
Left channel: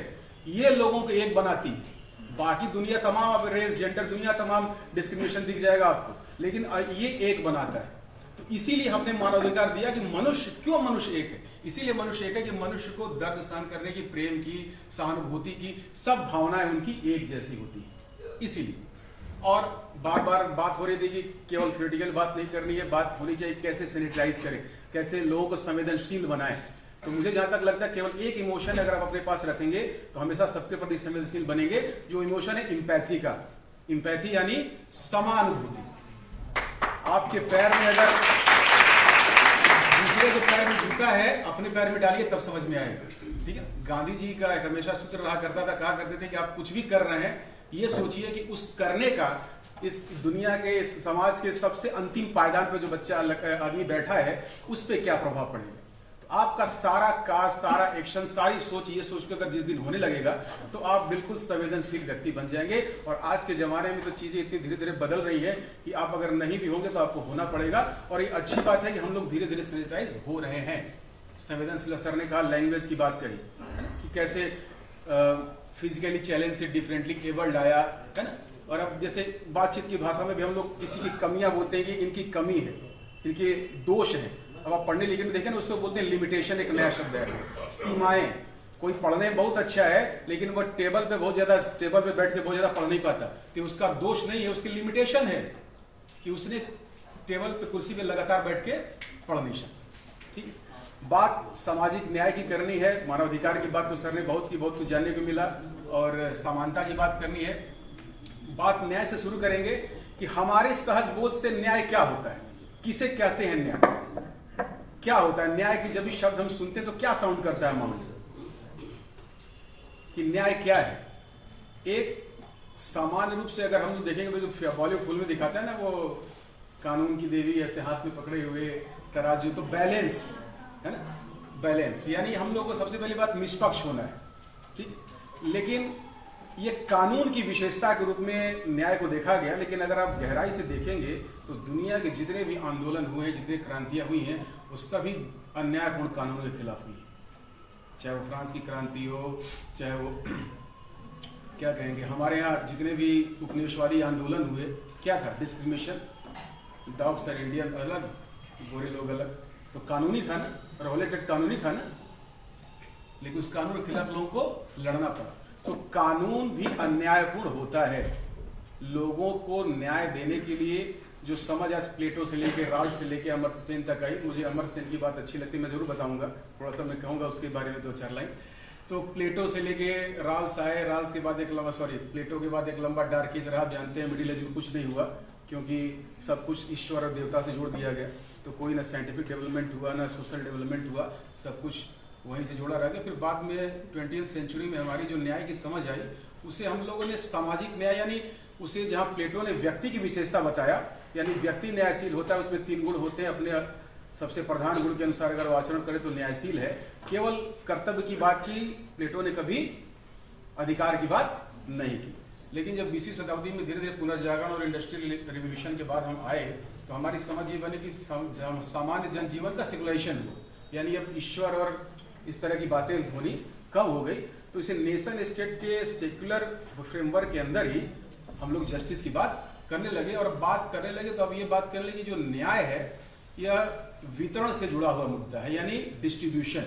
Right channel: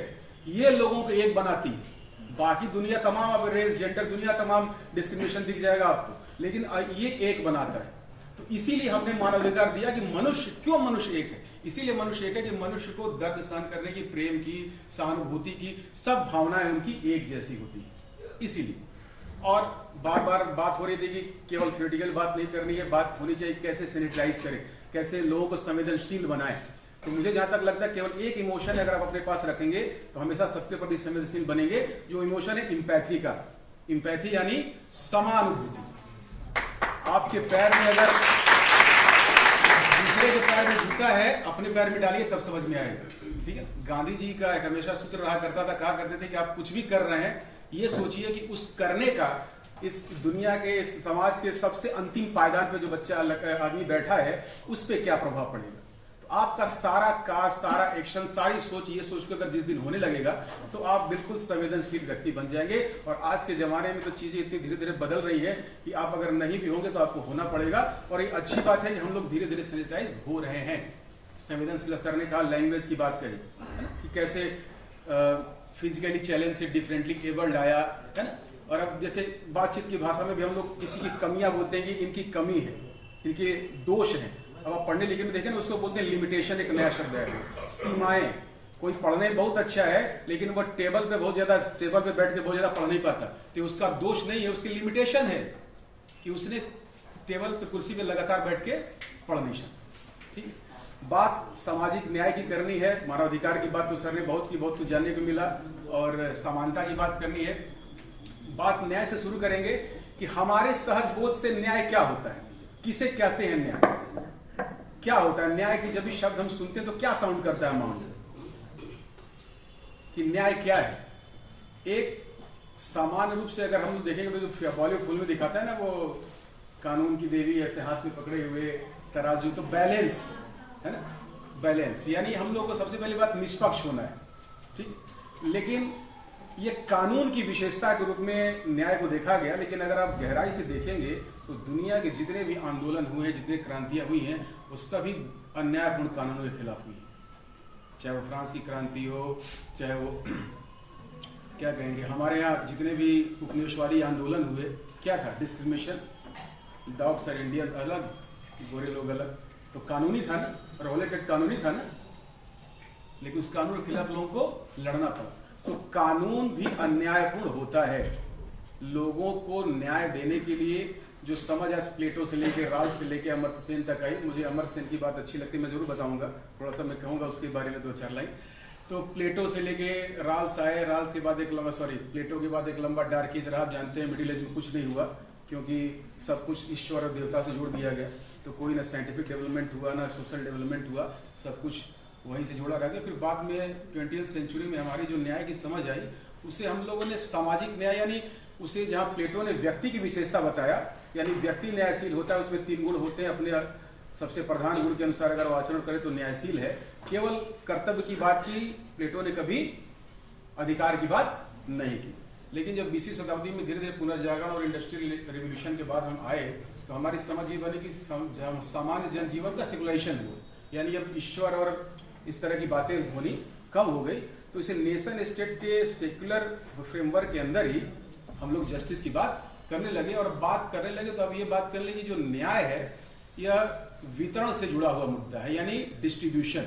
ये लोगों को एक बनाती है। बाकी दुनिया तमाम, अब रेस जेंडर दुनिया तमाम डिस्क्रिमिनेशन दिख जाएगा आपको, लेकिन ये एक बनाता है। तो इसीलिए हमने मानवाधिकार दिया कि मनुष्य, क्यों मनुष्य एक है? इसीलिए मनुष्य एक है कि मनुष्य को दर्द सहन करने की, प्रेम की, सहानुभूति की सब भावनाएं उनकी एक जैसी होती है। इसीलिए और बार बार बात हो रही थी कि केवल थ्योरेटिकल बात नहीं करनी है, बात होनी चाहिए कैसे सैनिटाइज करें, कैसे लोगों को संवेदनशील बनाएं। तो मुझे जहां तक लगता है केवल एक इमोशन अगर आप अपने पास रखेंगे तो हमेशा सबके प्रति संवेदनशील बनेंगे। जो इमोशन है इम्पैथी का, इम्पैथी यानी समानुभूति। आपके पैर में अगर दूसरे के पैर में जूता है, अपने पैर में डालिए तब समझ में आएगा। ठीक है? गांधी जी का एक हमेशा सूत्र रहा करता था, कहा करते थे कि आप कुछ भी कर रहे हैं, ये सोचिए कि उस करने का इस दुनिया के, इस समाज के सबसे अंतिम पायदान पे जो बच्चा आदमी बैठा है, उस पे क्या प्रभाव पड़ेगा। तो आपका सारा काज, सारा एक्शन, सारी सोच, ये सोच के अगर जिस दिन होने लगेगा तो आप बिल्कुल संवेदनशील व्यक्ति बन जाएंगे। और आज के जमाने में तो चीजें इतनी धीरे धीरे बदल रही है कि आप अगर नहीं भी होंगे तो आपको होना पड़ेगा। और ये अच्छी बात है कि हम लोग धीरे धीरे सैनिटाइज हो रहे हैं। संवेदनशील सर ने कहा, लैंग्वेज की बात करी है ना, कि कैसे फिजिकली चैलेंज से डिफरेंटली एबल्ड आया है ना। और अब जैसे बातचीत की भाषा में भी हम लोग किसी की कमियां बोलते हैं कि इनकी कमी है, इनके दोष हैं। अब आप पढ़ने लिखने में देखें ना, उसको बोलते हैं लिमिटेशन, एक नया शब्द है। सीमाएं। कोई पढ़ने में बहुत अच्छा है लेकिन वो टेबल पे बैठ के बहुत ज्यादा पढ़ नहीं पाता, तो उसका दोष नहीं है, उसकी लिमिटेशन है कि उसने टेबल पे, कुर्सी पे लगातार बैठ के पढ़ नहीं सकता। ठीक है? बात सामाजिक न्याय की करनी है, मानवाधिकार की बात तो सर ने बहुत कुछ जानने को मिला, और समानता की बात करनी है। बात न्याय से शुरू करेंगे कि हमारे सहज बोध से न्याय क्या होता है, किसे कहते हैं न्याय, क्या होता है न्याय की। जब भी शब्द हम सुनते हैं तो क्या साउंड करता है माउंड, कि न्याय क्या है। एक सामान्य रूप से अगर हम देखेंगे तो जो बॉलीवुड फिल्म में दिखाता है ना, वो कानून की देवी ऐसे हाथ में पकड़े हुए तराजू, तो बैलेंस है ना, बैलेंस यानी हम लोग को सबसे पहली बात निष्पक्ष होना है। ठीक, लेकिन ये कानून की विशेषता के रूप में न्याय को देखा गया। लेकिन अगर आप गहराई से देखेंगे तो दुनिया के जितने भी आंदोलन हुए, जितने क्रांतियां हुई हैं, वो सभी अन्यायपूर्ण कानूनों के खिलाफ हुई। चाहे वो फ्रांस की क्रांति हो, चाहे वो क्या कहेंगे, हमारे यहाँ जितने भी उपनिवेशवादी आंदोलन हुए, क्या था, डिस्क्रिमिनेशन, डॉग्स और इंडियन अलग, गोरे लोग अलग, तो कानूनी था ना, रॉलेट एक्ट कानूनी था ना, लेकिन उस कानून के खिलाफ लोगों को लड़ना पड़ा। तो कानून भी अन्यायपूर्ण होता है। लोगों को न्याय देने के लिए जो समझ आज प्लेटो से लेकर राल्स से लेकर अमर्त्य सेन तक आई, मुझे अमर्त्य सेन की बात अच्छी लगती है, मैं जरूर बताऊंगा, थोड़ा सा मैं कहूंगा उसके बारे में 2-4 लाइन। तो प्लेटो से लेके राल्स आए, राल्स के बाद प्लेटो के बाद एक लंबा डार्क एज रहा। आप जानते हैं मिडिल एज में कुछ नहीं हुआ, क्योंकि सब कुछ ईश्वर और देवता से जोड़ दिया गया। तो कोई ना साइंटिफिक डेवलपमेंट हुआ, ना सोशल डेवलपमेंट हुआ, सब कुछ वहीं से जोड़ा रह गया। फिर बाद में 20वीं सेंचुरी में हमारी जो न्याय की समझ आई, उसे हम लोगों ने सामाजिक न्याय, यानी उसे जहां प्लेटो ने व्यक्ति की विशेषता बताया, यानी व्यक्ति न्यायशील होता है, उसमें 3 गुण होते हैं। अपने सबसे प्रधान गुण के अनुसार अगर वो आचरण करे तो न्यायशील है। केवल कर्तव्य की बात की प्लेटो ने, कभी अधिकार की बात नहीं की। लेकिन जब 20वीं शताब्दी में धीरे धीरे पुनर्जागरण और इंडस्ट्रियल रिवोल्यूशन के बाद हम आए, तो हमारी समझ ये बनी कि सामान्य जनजीवन का सिविलाइजेशन हुआ, यानी अब ईश्वर और इस तरह की बातें होनी कम हो गई। तो इसे नेशन स्टेट के सेक्युलर फ्रेमवर्क के अंदर ही हम लोग जस्टिस की बात करने लगे। और बात करने लगे तो अब ये बात करने लगे, जो न्याय है यह वितरण से जुड़ा हुआ मुद्दा है, यानी डिस्ट्रीब्यूशन।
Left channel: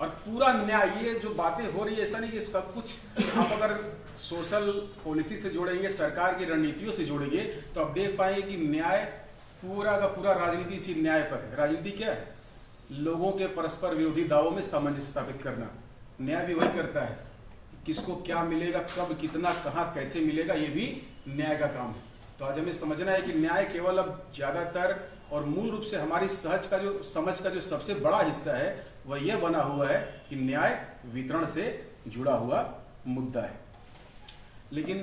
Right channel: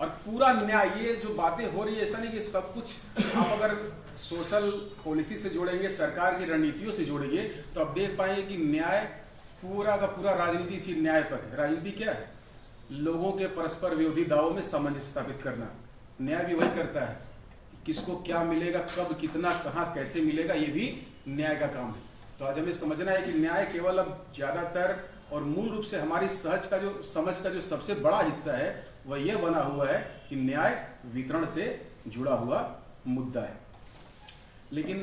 और पूरा न्याय, ये जो बातें हो रही है, ऐसा नहीं कि सब कुछ आप अगर सोशल पॉलिसी से जोड़ेंगे, सरकार की रणनीतियों से जोड़ेंगे, तो आप देख पाएंगे कि न्याय पूरा का पूरा राजनीति से न्याय पर है। राजनीति क्या है? लोगों के परस्पर विरोधी दावों में सामंजस्य स्थापित करना। न्याय भी वही करता है, किसको क्या मिलेगा, कब, कितना, कहां, कैसे मिलेगा, ये भी न्याय का काम है। तो आज हमें समझना है कि न्याय केवल अब ज्यादातर और मूल रूप से हमारी समझ का जो सबसे बड़ा हिस्सा है वह यह बना हुआ है कि न्याय वितरण से जुड़ा हुआ मुद्दा है। लेकिन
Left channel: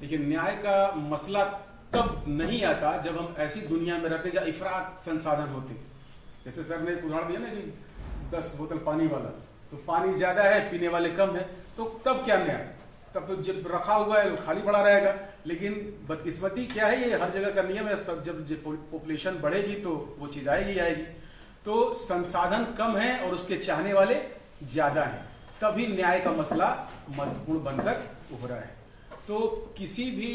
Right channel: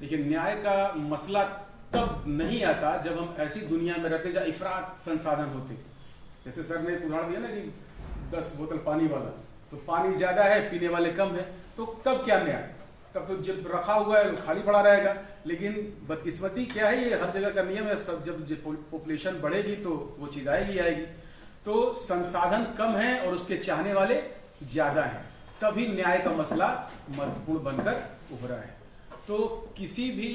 देखिए, न्याय का मसला तब नहीं आता जब हम ऐसी दुनिया में रहते जहां इफरात संसाधन होते। जैसे सर ने एक उदाहरण दिया ना कि 10 बोतल पानी वाला, तो पानी ज्यादा है, पीने वाले कम है, तो तब क्या न्याय? तब तो जब रखा हुआ है खाली पड़ा रहेगा। लेकिन बदकिस्मती क्या है, ये हर जगह का नियम है, सब जब पॉपुलेशन बढ़ेगी तो वो चीज आएगी। तो संसाधन कम है और उसके चाहने वाले ज्यादा हैं, तभी न्याय का मसला महत्वपूर्ण बनकर उभरा है। तो किसी भी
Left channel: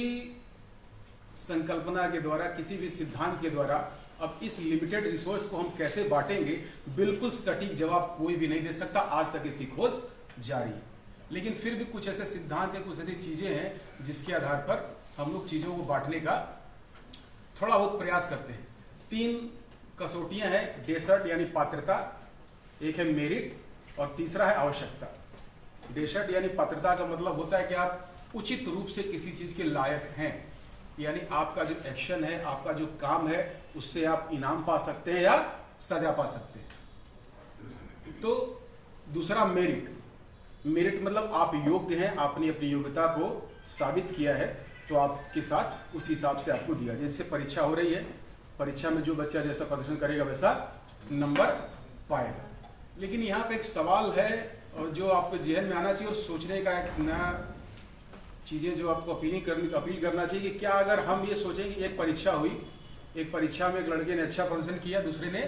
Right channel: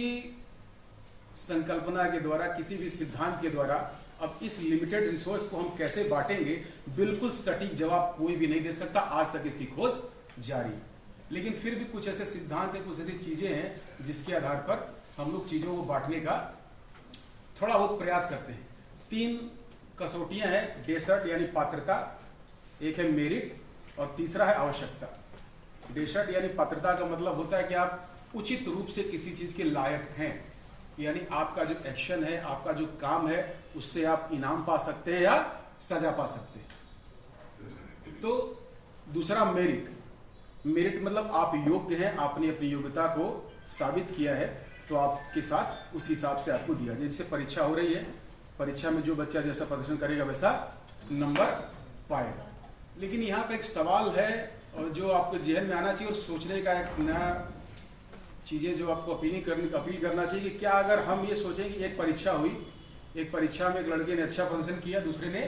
संकल्पना के द्वारा, किसी भी सिद्धांत के द्वारा अब इस लिमिटेड रिसोर्स को हम कैसे बांटेंगे, बिल्कुल सटीक जवाब कोई भी नहीं दे सकता। आज तक इसकी खोज जारी है, लेकिन फिर भी कुछ ऐसे सिद्धांत है, कुछ ऐसी चीजें हैं जिसके आधार पर हम लोग चीजों को बांटने का थोड़ा बहुत प्रयास करते हैं। 3 कसौटियां हैं, डेसर्ट यानी पात्रता, एक है मेरिट और तीसरा है आवश्यकता। डेसर्ट यानी पात्रता का मतलब होता है कि आप उचित रूप से किसी चीज के लायक हैं, यानी आपका जो एक्शन है, आपका जो काम है, उससे आप इनाम पा सकते हैं या सजा पा सकते हैं। तो दूसरा मेरिट मतलब आप योग्य हैं, आपने अपनी योग्यता को साबित किया है, तो आपके साथ उस हिसाब से आपको दिया गया। जैसे परीक्षा हो रही है, परीक्षा में जो बच्चा जैसा प्रदर्शन करेगा वैसा नंबर पाएगा। लेकिन यहाँ पे एक सवाल है और जो आपको जहन में आना चाहिए और सोचने का एक नया चीजें जो आपको अपील करना चाहिए कि क्या अगर हम ये सोचें कि एक परीक्षा हुई, एक परीक्षा में एक लड़के ने अच्छा प्रदर्शन किया, दूसरे ने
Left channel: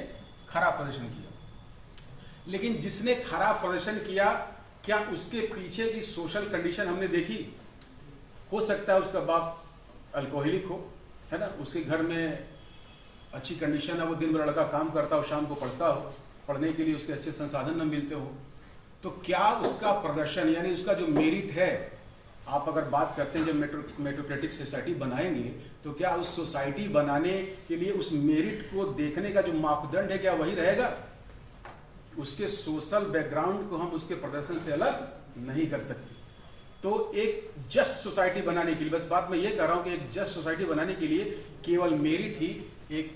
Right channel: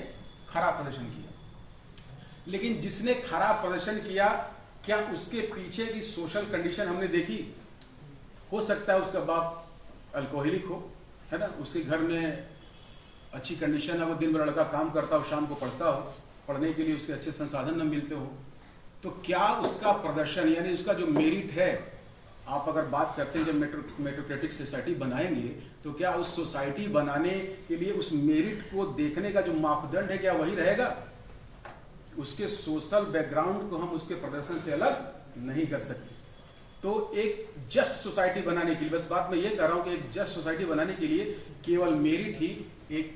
खराब प्रदर्शन किया, लेकिन जिसने खराब प्रदर्शन किया क्या उसके पीछे की सोशल कंडीशन हमने देखी? हो सकता है उसका बाप अल्कोहलिक हो, है ना, उसके घर में अच्छी कंडीशन है, वो दिन भर लड़का काम करता हो, शाम को पढ़ता हो, पढ़ने के लिए उसके अच्छे संसाधन न मिलते हो, तो क्या उसका प्रदर्शन यानी उसका जो मेरिट है, आप अगर बात करते हैं जब मेरिटोक्रेटिक सोसाइटी बनाएंगे तो क्या उस सोसाइटी बनाने के लिए उस मेरिट को देखने का जो मापदंड है क्या वही रहेगा? उसके सोशल बैकग्राउंड को हम उसके प्रदर्शन से अलग नहीं कर सकते। तो एक जस्ट सोसाइटी बनाने के लिए, बस बात मैं ये कर रहा हूं कि एक जस्ट सोसाइटी बनाने के लिए केवल मेरिट ही एक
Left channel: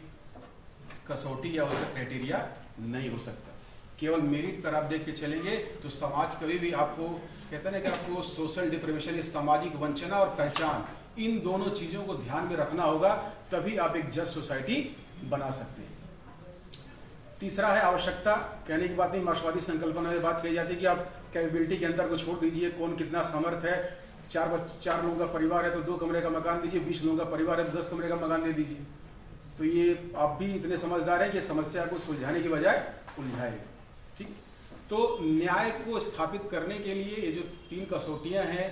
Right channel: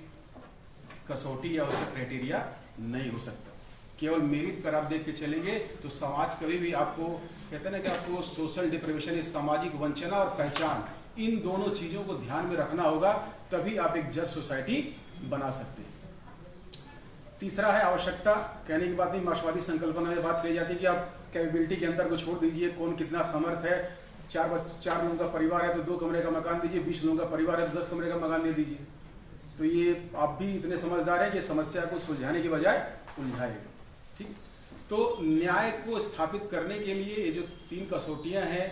कसौटी या उसका क्राइटेरिया नहीं हो सकता। केवल मेरिट पर आप देख के चलेंगे तो समाज कभी भी आपको कहते हैं ना कि आपको सोशल डिप्रिवेशन, ये सामाजिक वंचना और पहचान, इन दोनों चीजों को ध्यान में रखना होगा, तभी आप एक जस्ट सोसाइटी बना सकते हैं। तीसरा है आवश्यकता। कहने की बात नहीं, मार्क्सवादी संकल्पना में बात कही जाती है कि आप कैपेबिलिटी के अंदर को छोड़ दीजिए, कौन कितना समर्थ है। 4 लोगों का परिवार है तो 2 कमरे का मकान दीजिए, 20 लोगों का परिवार है तो 10 कमरे का मकान दे दीजिए। तो ये आप भी इतने समझदार हैं कि समस्या को सुलझाने की बजाय उलझाएगा। ठीक, तो न्याय को स्थापित करने के लिए ये जो 3 कसौटियां हैं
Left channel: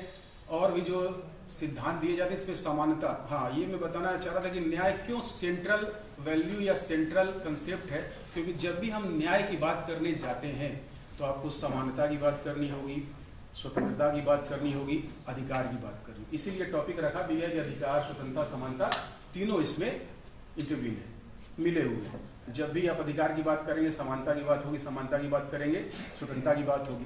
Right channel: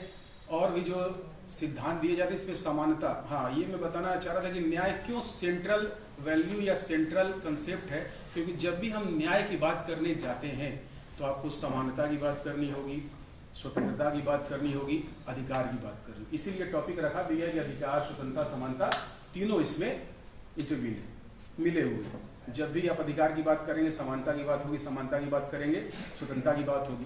और भी जो सिद्धांत दिए जाते हैं, इसमें समानता, हाँ ये मैं बताना चाह रहा था कि न्याय क्यों सेंट्रल वैल्यू या सेंट्रल कंसेप्ट है, क्योंकि जब भी हम न्याय की बात करने जाते हैं तो आपको समानता की बात करनी होगी, स्वतंत्रता की बात करनी होगी, अधिकार की बात करनी। इसीलिए टॉपिक रखा भी है कि अधिकार, स्वतंत्रता, समानता तीनों इसमें इंटरव्यून है, मिले हुए हैं। जब भी आप अधिकार की बात करेंगे समानता की बात होगी, समानता की बात करेंगे स्वतंत्रता की बात होगी।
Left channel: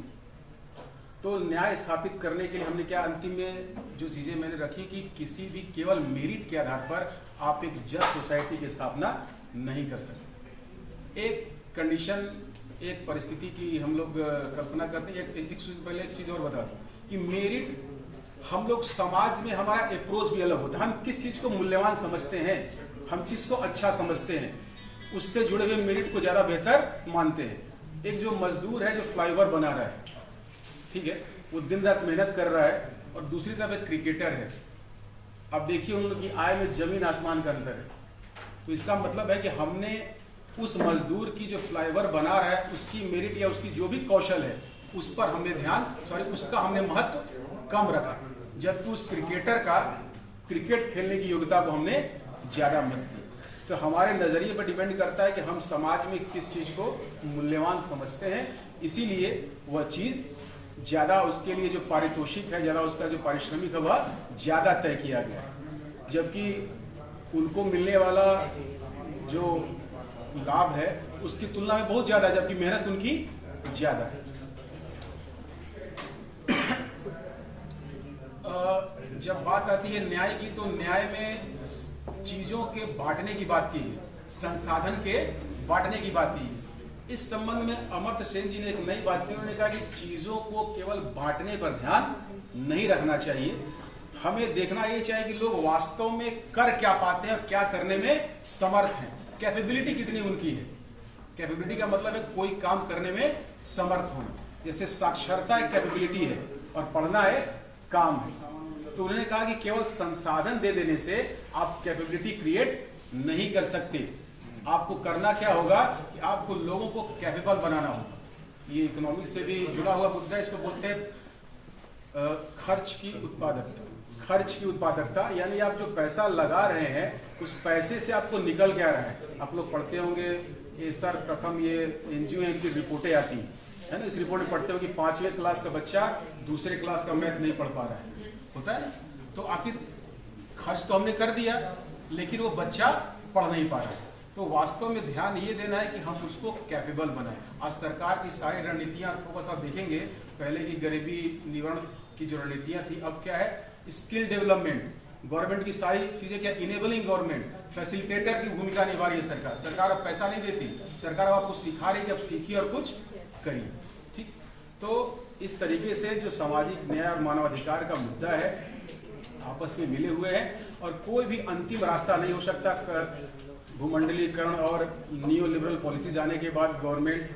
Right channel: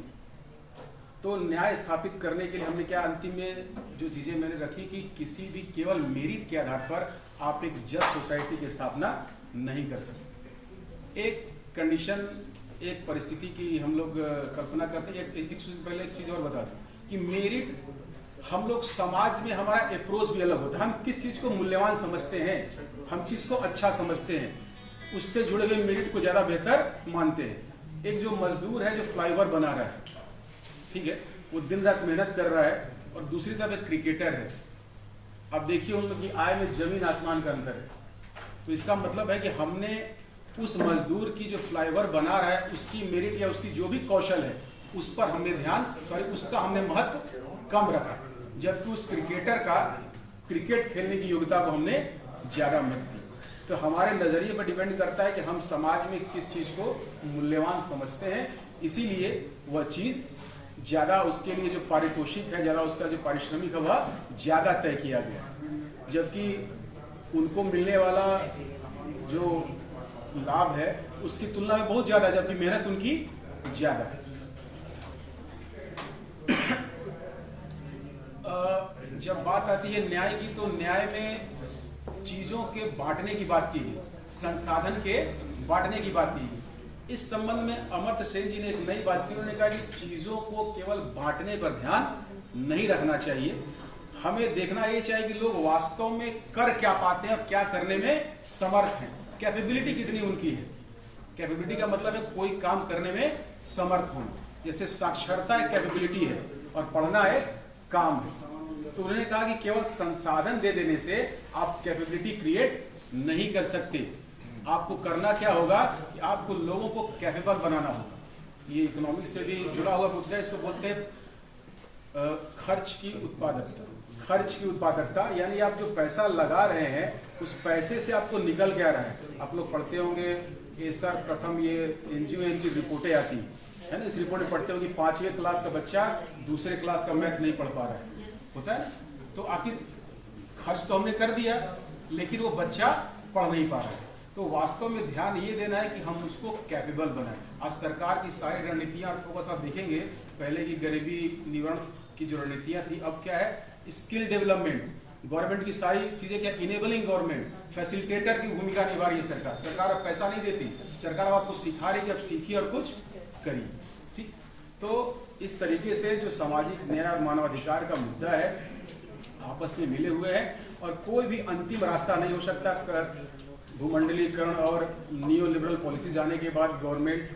तो न्याय स्थापित करने के लिए हमने क्या अंतिम में जो चीजें मैंने रखी कि किसी भी केवल मेरिट के आधार पर आप एक जस्ट सोसाइटी की स्थापना नहीं कर सकते। एक कंडीशन, एक परिस्थिति की हम लोग कल्पना करते हैं। पहले एक चीज और बता दूं कि मेरिट, हम लोग समाज में हमारा अप्रोच भी अलग होता है। हम किस चीज को मूल्यवान समझते हैं, हम किसको अच्छा समझते हैं, उससे जुड़े हुए मेरिट को ज्यादा बेहतर मानते हैं। एक जो मजदूर है जो फ्लाईओवर बना रहा है, ठीक है, वो दिन रात मेहनत कर रहा है, और दूसरी तरफ एक क्रिकेटर है। अब देखिए उन लोग की आय में जमीन आसमान का अंतर है। तो इसका मतलब है कि हमने उस मजदूर की जो फ्लाईओवर बना रहा है उसकी मेरिट या उसकी जो भी कौशल है उस पर हमने उसका हमने महत्व कम रखा, जबकि उस क्रिकेटर का क्रिकेट खेलने की योग्यता को हमने ज्यादा महत्व दिया। तो हमारे नजरिए पर डिपेंड करता है कि हम समाज में किस चीज को मूल्यवान समझते हैं, इसीलिए वह चीज ज्यादा, उसके लिए जो पारितोषिक है, ज्यादा उसका जो पारिश्रमिक है वह ज्यादा तय किया गया है, जबकि उनको मिलने वाला जो लाभ है उसकी तुलना में बहुत ज्यादा है, जबकि मेहनत उनकी ज्यादा है। जब बात आती है न्याय की, तो न्याय में चीजों के बांटने की बात की है। संसाधन के बांटने की बात की। इस संबंध में अमर्त्य सेन जी ने एक नई बात की। उन्होंने कहा कि चीजों को केवल बांटने पर ध्यान नहीं रखना चाहिए, हमें देखना ये चाहिए कि लोग वास्तव में कर क्या पाते हैं और क्या करने में समर्थ हैं, कैपेबिलिटी कितनी उनकी है। कैपेबिलिटी का मतलब है कोई काम करने में समर्थ होना। जैसे साक्षरता एक कैपेबिलिटी है और पढ़ना एक काम है। तो उन्होंने कहा कि केवल संसाधन दे देने से आप कैपेबिलिटी क्रिएट नहीं कर सकते। आपको करना क्या होगा कि आपको लोगों को कैपेबल बनाना होगा। ये इकोनॉमिक्स से भी जुड़ा हुआ मुद्दा है। इसको बोलते हैं खर्च की उत्पादकता। खर्च की उत्पादकता यानी आप जो पैसा लगा रहे हैं उस पैसे से आपको निकल क्या रहा है। आप लोग पढ़ते होंगे ये सर प्रथम ये एनजीओ की रिपोर्टें आती है ना। इस रिपोर्ट में पढ़ते हो कि 5वीं क्लास का बच्चा दूसरे क्लास का मैथ नहीं पढ़ पा रहा है, होता है। तो आखिर खर्च तो हमने कर दिया लेकिन वो बच्चा पढ़ नहीं पा रहा है। तो वास्तव में ध्यान ये देना है कि हम उसको कैपेबल बनाएं। आज सरकार की सारी रणनीतियां फोकस आप देखेंगे, पहले की गरीबी निवारण की जो रणनीतियां थी, अब क्या है स्किल डेवलपमेंट। गवर्नमेंट की सारी चीजें क्या इनेबलिंग गवर्नमेंट, फैसिलिटेटर की भूमिका निभा रही है सरकार। सरकार अब पैसा नहीं देती, सरकार अब आपको सिखा रही कि अब सीखिए और कुछ करिए। ठीक, तो इस तरीके से जो सामाजिक न्याय और मानवाधिकार का मुद्दा है आपस में मिले हुए हैं और कोई भी अंतिम रास्ता नहीं हो सकता। भूमंडलीकरण और नियो लिबरल पॉलिसी आने के बाद गवर्नमेंट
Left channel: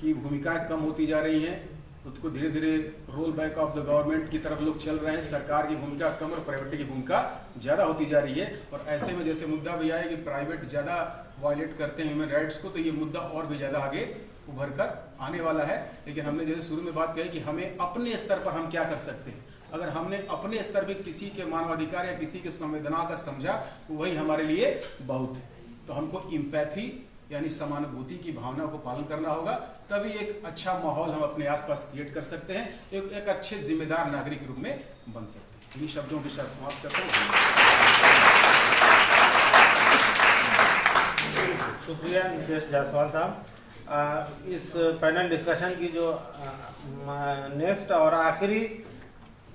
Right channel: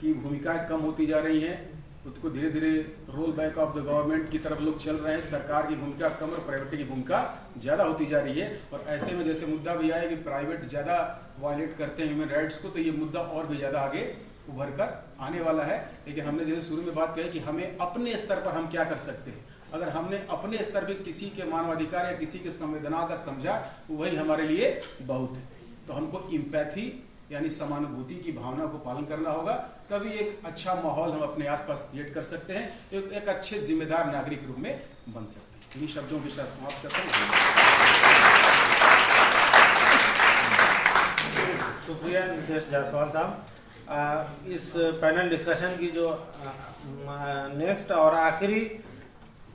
की भूमिकाएं कम होती जा रही हैं। उसको धीरे धीरे roll back of the government की तरफ लोग चल रहे हैं। सरकार की भूमिका कम और प्राइवेट की भूमिका ज्यादा होती जा रही है। और ऐसे में जैसे मुद्दा भी आया कि प्राइवेट ज्यादा वायलेट करते हैं ह्यूमन राइट्स को, तो ये मुद्दा और भी ज्यादा आगे उभर कर आने वाला है। लेकिन हमने जैसे शुरू में बात कही कि हमें अपने स्तर पर हम क्या कर सकते हैं। अगर हमने अपने स्तर पर किसी के मानवाधिकार या किसी के संवेदना का समझा तो वही हमारे लिए बहुत है। तो हमको इम्पैथी यानी समानुभूति की भावना को पालन करना होगा, तभी एक अच्छा माहौल हम अपने आसपास क्रिएट कर सकते हैं, एक अच्छे जिम्मेदार नागरिक रूप में बन सकते हैं। इन्हीं शब्दों के साथ समाप्त करता हूँ। शुक्रिया नितेश जायसवाल साहब। इस पैनल डिस्कशन की जो नेक्स्ट और आखिरी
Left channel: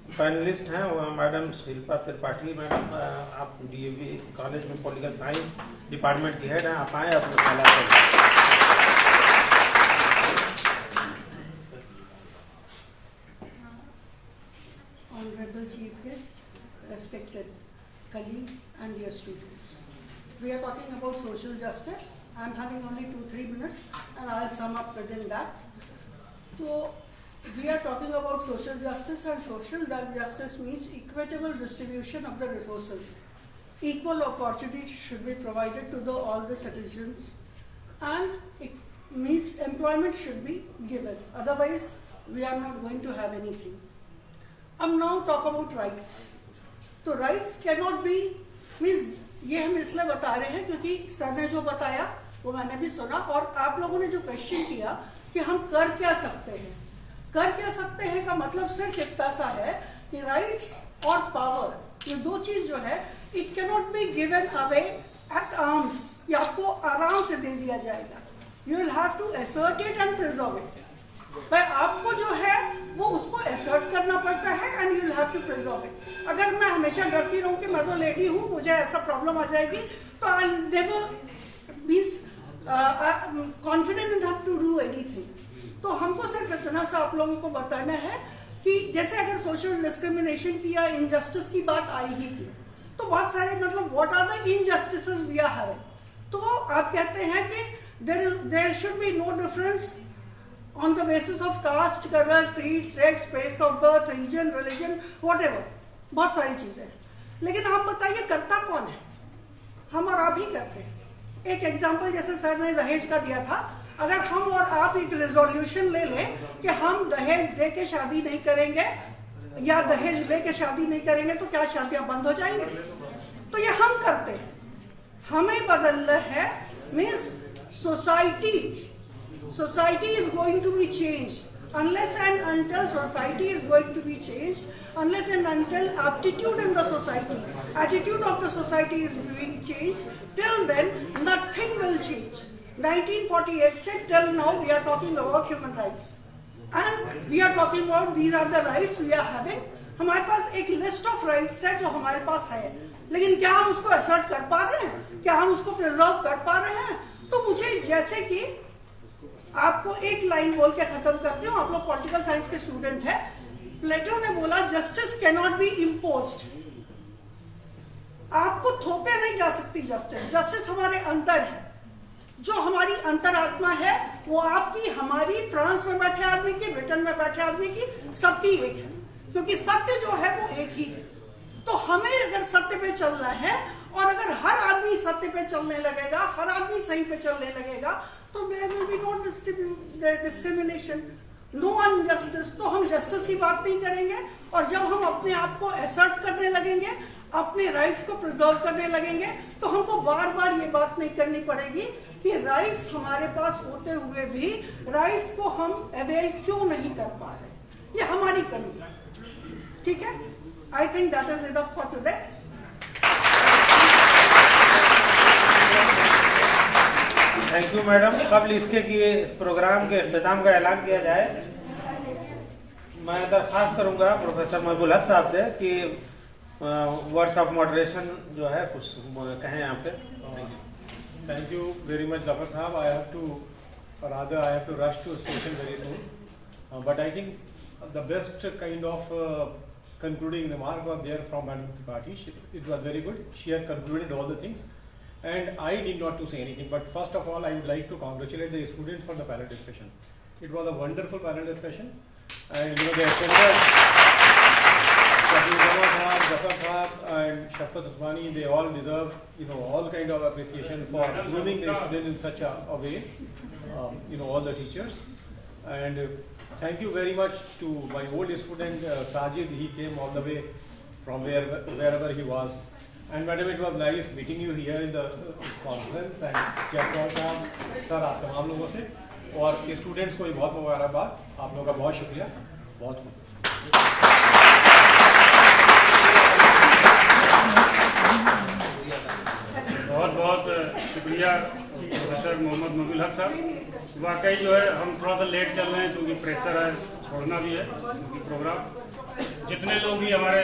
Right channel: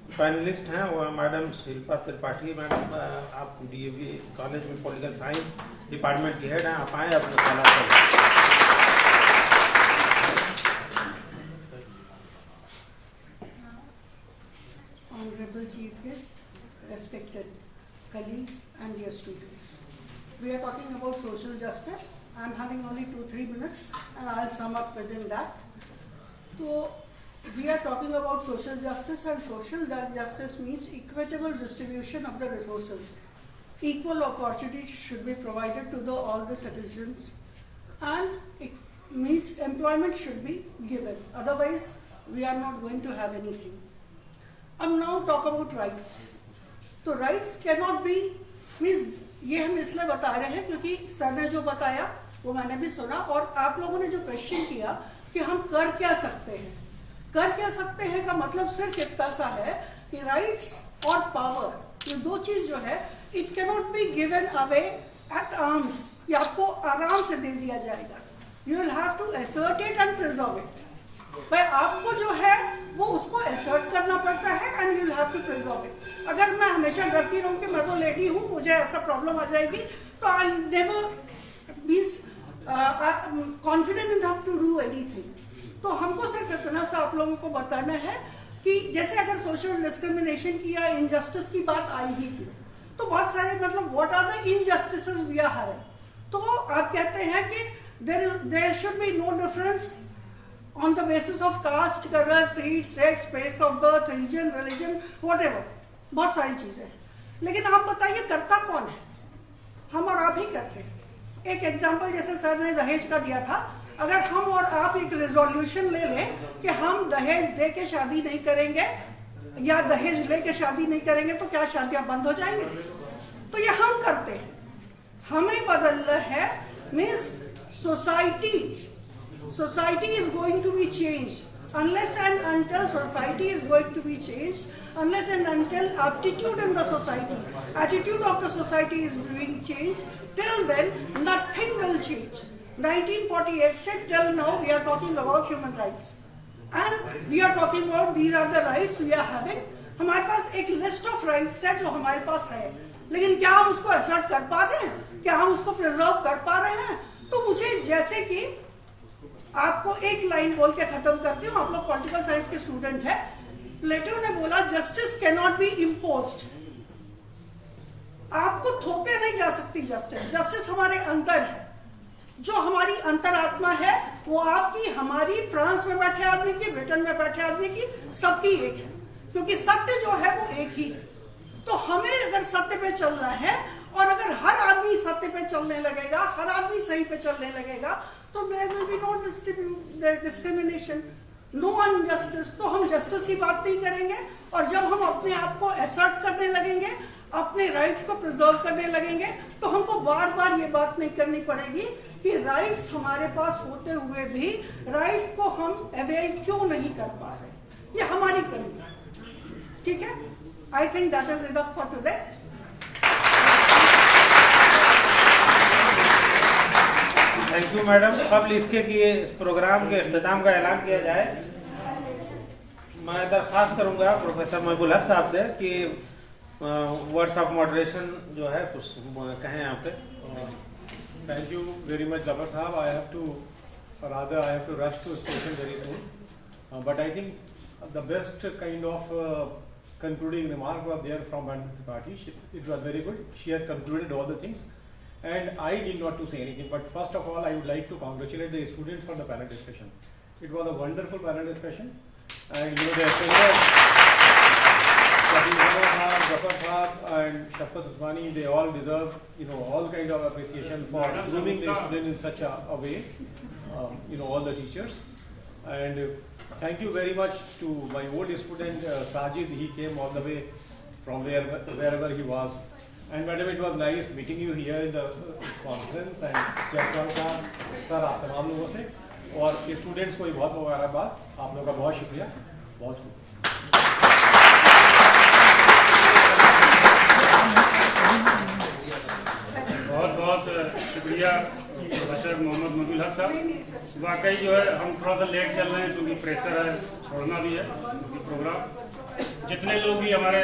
पैनलिस्ट हैं वो मैडम शिल्पा त्रिपाठी मैडम। आप डीएवी कॉलेज में पॉलिटिकल साइंस डिपार्टमेंट की हेड हैं, आप आए अपने सलाह करें। Honorable Chief Guest, respected colleagues and dear students, we are talking about social justice. I am having only 2-3 minutes and I will sum up within that. So we are talking about social justice, and social justice means equitable distribution of the resources. Equal opportunity should be provided to all the citizens, and it means employment should be given. Otherwise, we are not going to have anything. Now talk about rights. So rights cannot be means ये हम इसलिए बता रहे हैं क्योंकि सर ने जो बताया वो मैंने भी सुना, और आप लोगों ने जो क्वेश्चन किया कि हम कर क्या सकते हैं। कर क्या सकते हैं का मतलब सिर्फ इतना सा है कि राइट्स और पावर ये दो चीज जो है it cannot be given away at arms. ये आपको आराम से दे दिया जाएगा। You will have to assert it and preserve it. भाई आपको जो है वो उसको असर्ट करना पड़ता है and you will have to preserve it. अगर मैं हमेशा डरती रहूं कि मैं तो लेडी हूं, मुझे ऐसा प्रॉब्लम आ जाएगी, तो I never be confident enough to do anything. तो हमको सिर्फ इतना सा आप लोगों को बताना है कि जैसे अगर सोशल डिस्क्रिमिनेशन की या इनजस्टिस की बात आएगी तो बहुत सारे मतलब what are the injustices we are having. तो आप कहते हैं कि there should be no difference on the basis of caste, color, creed, sex, place of birth, region, religion, whatever, बहुत सारी चीजें। लेकिन आप बताइए करता कौन है? हम और आप ही करते हैं। एक एग्जांपल जैसे सर ने दहेज का दिया था, अगर हम और आप एक रेजोल्यूशन ले लें कि हम दहेज दे के शादी नहीं करेंगे या दहेज ले के शादी नहीं करेंगे तो क्या शादियां बंद हो जाएंगे? तो ये हम करते हैं। हमें बदलना है means Society is going to be changed unless and until society is going to be changed, unless and until aptitude in the society, attitude of the society is being changed, till then nothing will change. 1948 said till now we are talking about human rights, and we are talking about these are the rights we are having, हमारे पास एक लिस्ट ऑफ राइट्स है जो हमारे पास है, लेकिन क्या हम उसको असर्ट कर पा रहे हैं, क्या हम उसको प्रिजर्व कर पा रहे हैं? तो मुझे, जैसे कि आपको एक लाइन बोल के खत्म करती हूँ, आप लोग पॉलिटिकल साइंस के स्टूडेंट है। प्लेटो ने बोला justice can not be imposed, आपको थोपे नहीं जा सकती जस्टिस। जस्टिस हमारे अंदर है, जो हमारी अंतरात्मा है वो आपकी, हमारी, फ्रांस में बैठे आदमी की, ब्रिटेन में बैठे आदमी की, सबकी एक है, क्योंकि सत्य जो है वो एक ही है। तो हमें अगर सत्य पे चलना है और अगर हर आदमी सत्य पे चलने लगेगा, हर आदमी सही पे चलने लगेगा, तो there will be no discrimination, no injustice. तो हम जस्टिस की बात नहीं करेंगे, और जब हम अपने आप को असर्ट करने लगेंगे, अपने राइट्स को प्रिजर्व करने लगेंगे, तो हमको बार बार ये बात नहीं करनी पड़ेगी कि राइट्स हमारे पास होते हुए भी राइट्स को हम अवेल क्यों नहीं कर पा रहे। ये हमारी कमी है, ठीक है। I think that is enough for today. Thank you madam. कबल इसके कि इस प्रोग्राम के इख्तिताम का ऐलान किया जाए, मैं दरख्वास्त करूंगा प्रोफेसर महबूब हक साहब से कि वर्ड्स ऑफ मॉडरेशन जो है कुछ कहें यहाँ पे। Thank you very much, Zafar Sahab. I have to rush to station very soon. But I think the best kind of concluding remark was there from Madam Tripathi. It was very good. She had concluded all the things, and I need not to say anything. But first of all, I would like to congratulate the students for the panel discussion. It was a wonderful panel discussion, and the attenders, Zafar Sahab and Shafqat Usmani, they all deserve all kind of appreciation for grooming the student in such a way. All the teachers, and thank you very much to my old student Sajid. He came all the way from wherever he was. And madam, it was nice meeting you here in the conference, and Jaipal का सर आप तमाम लोगों से, और स्टूडेंट्स को भी बहुत मुबारकबाद, आप लोगों का बहुत शुक्रिया, बहुत खूब। बहुत बहुत शुक्रिया प्रोफेसर मोहम्मद महबूब हक साहब। वाकई जो है हम थोड़ा सा लेट चल रहे हैं क्योंकि प्रेशर है, छोड़ना भी है क्योंकि प्रोग्राम। जितने लोग भी हमारे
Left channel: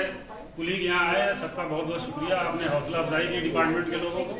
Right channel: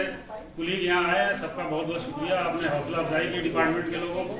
कुलीग यहाँ आए हैं सबका बहुत बहुत शुक्रिया, आपने हौसला अफजाई की डिपार्टमेंट के लोगों को।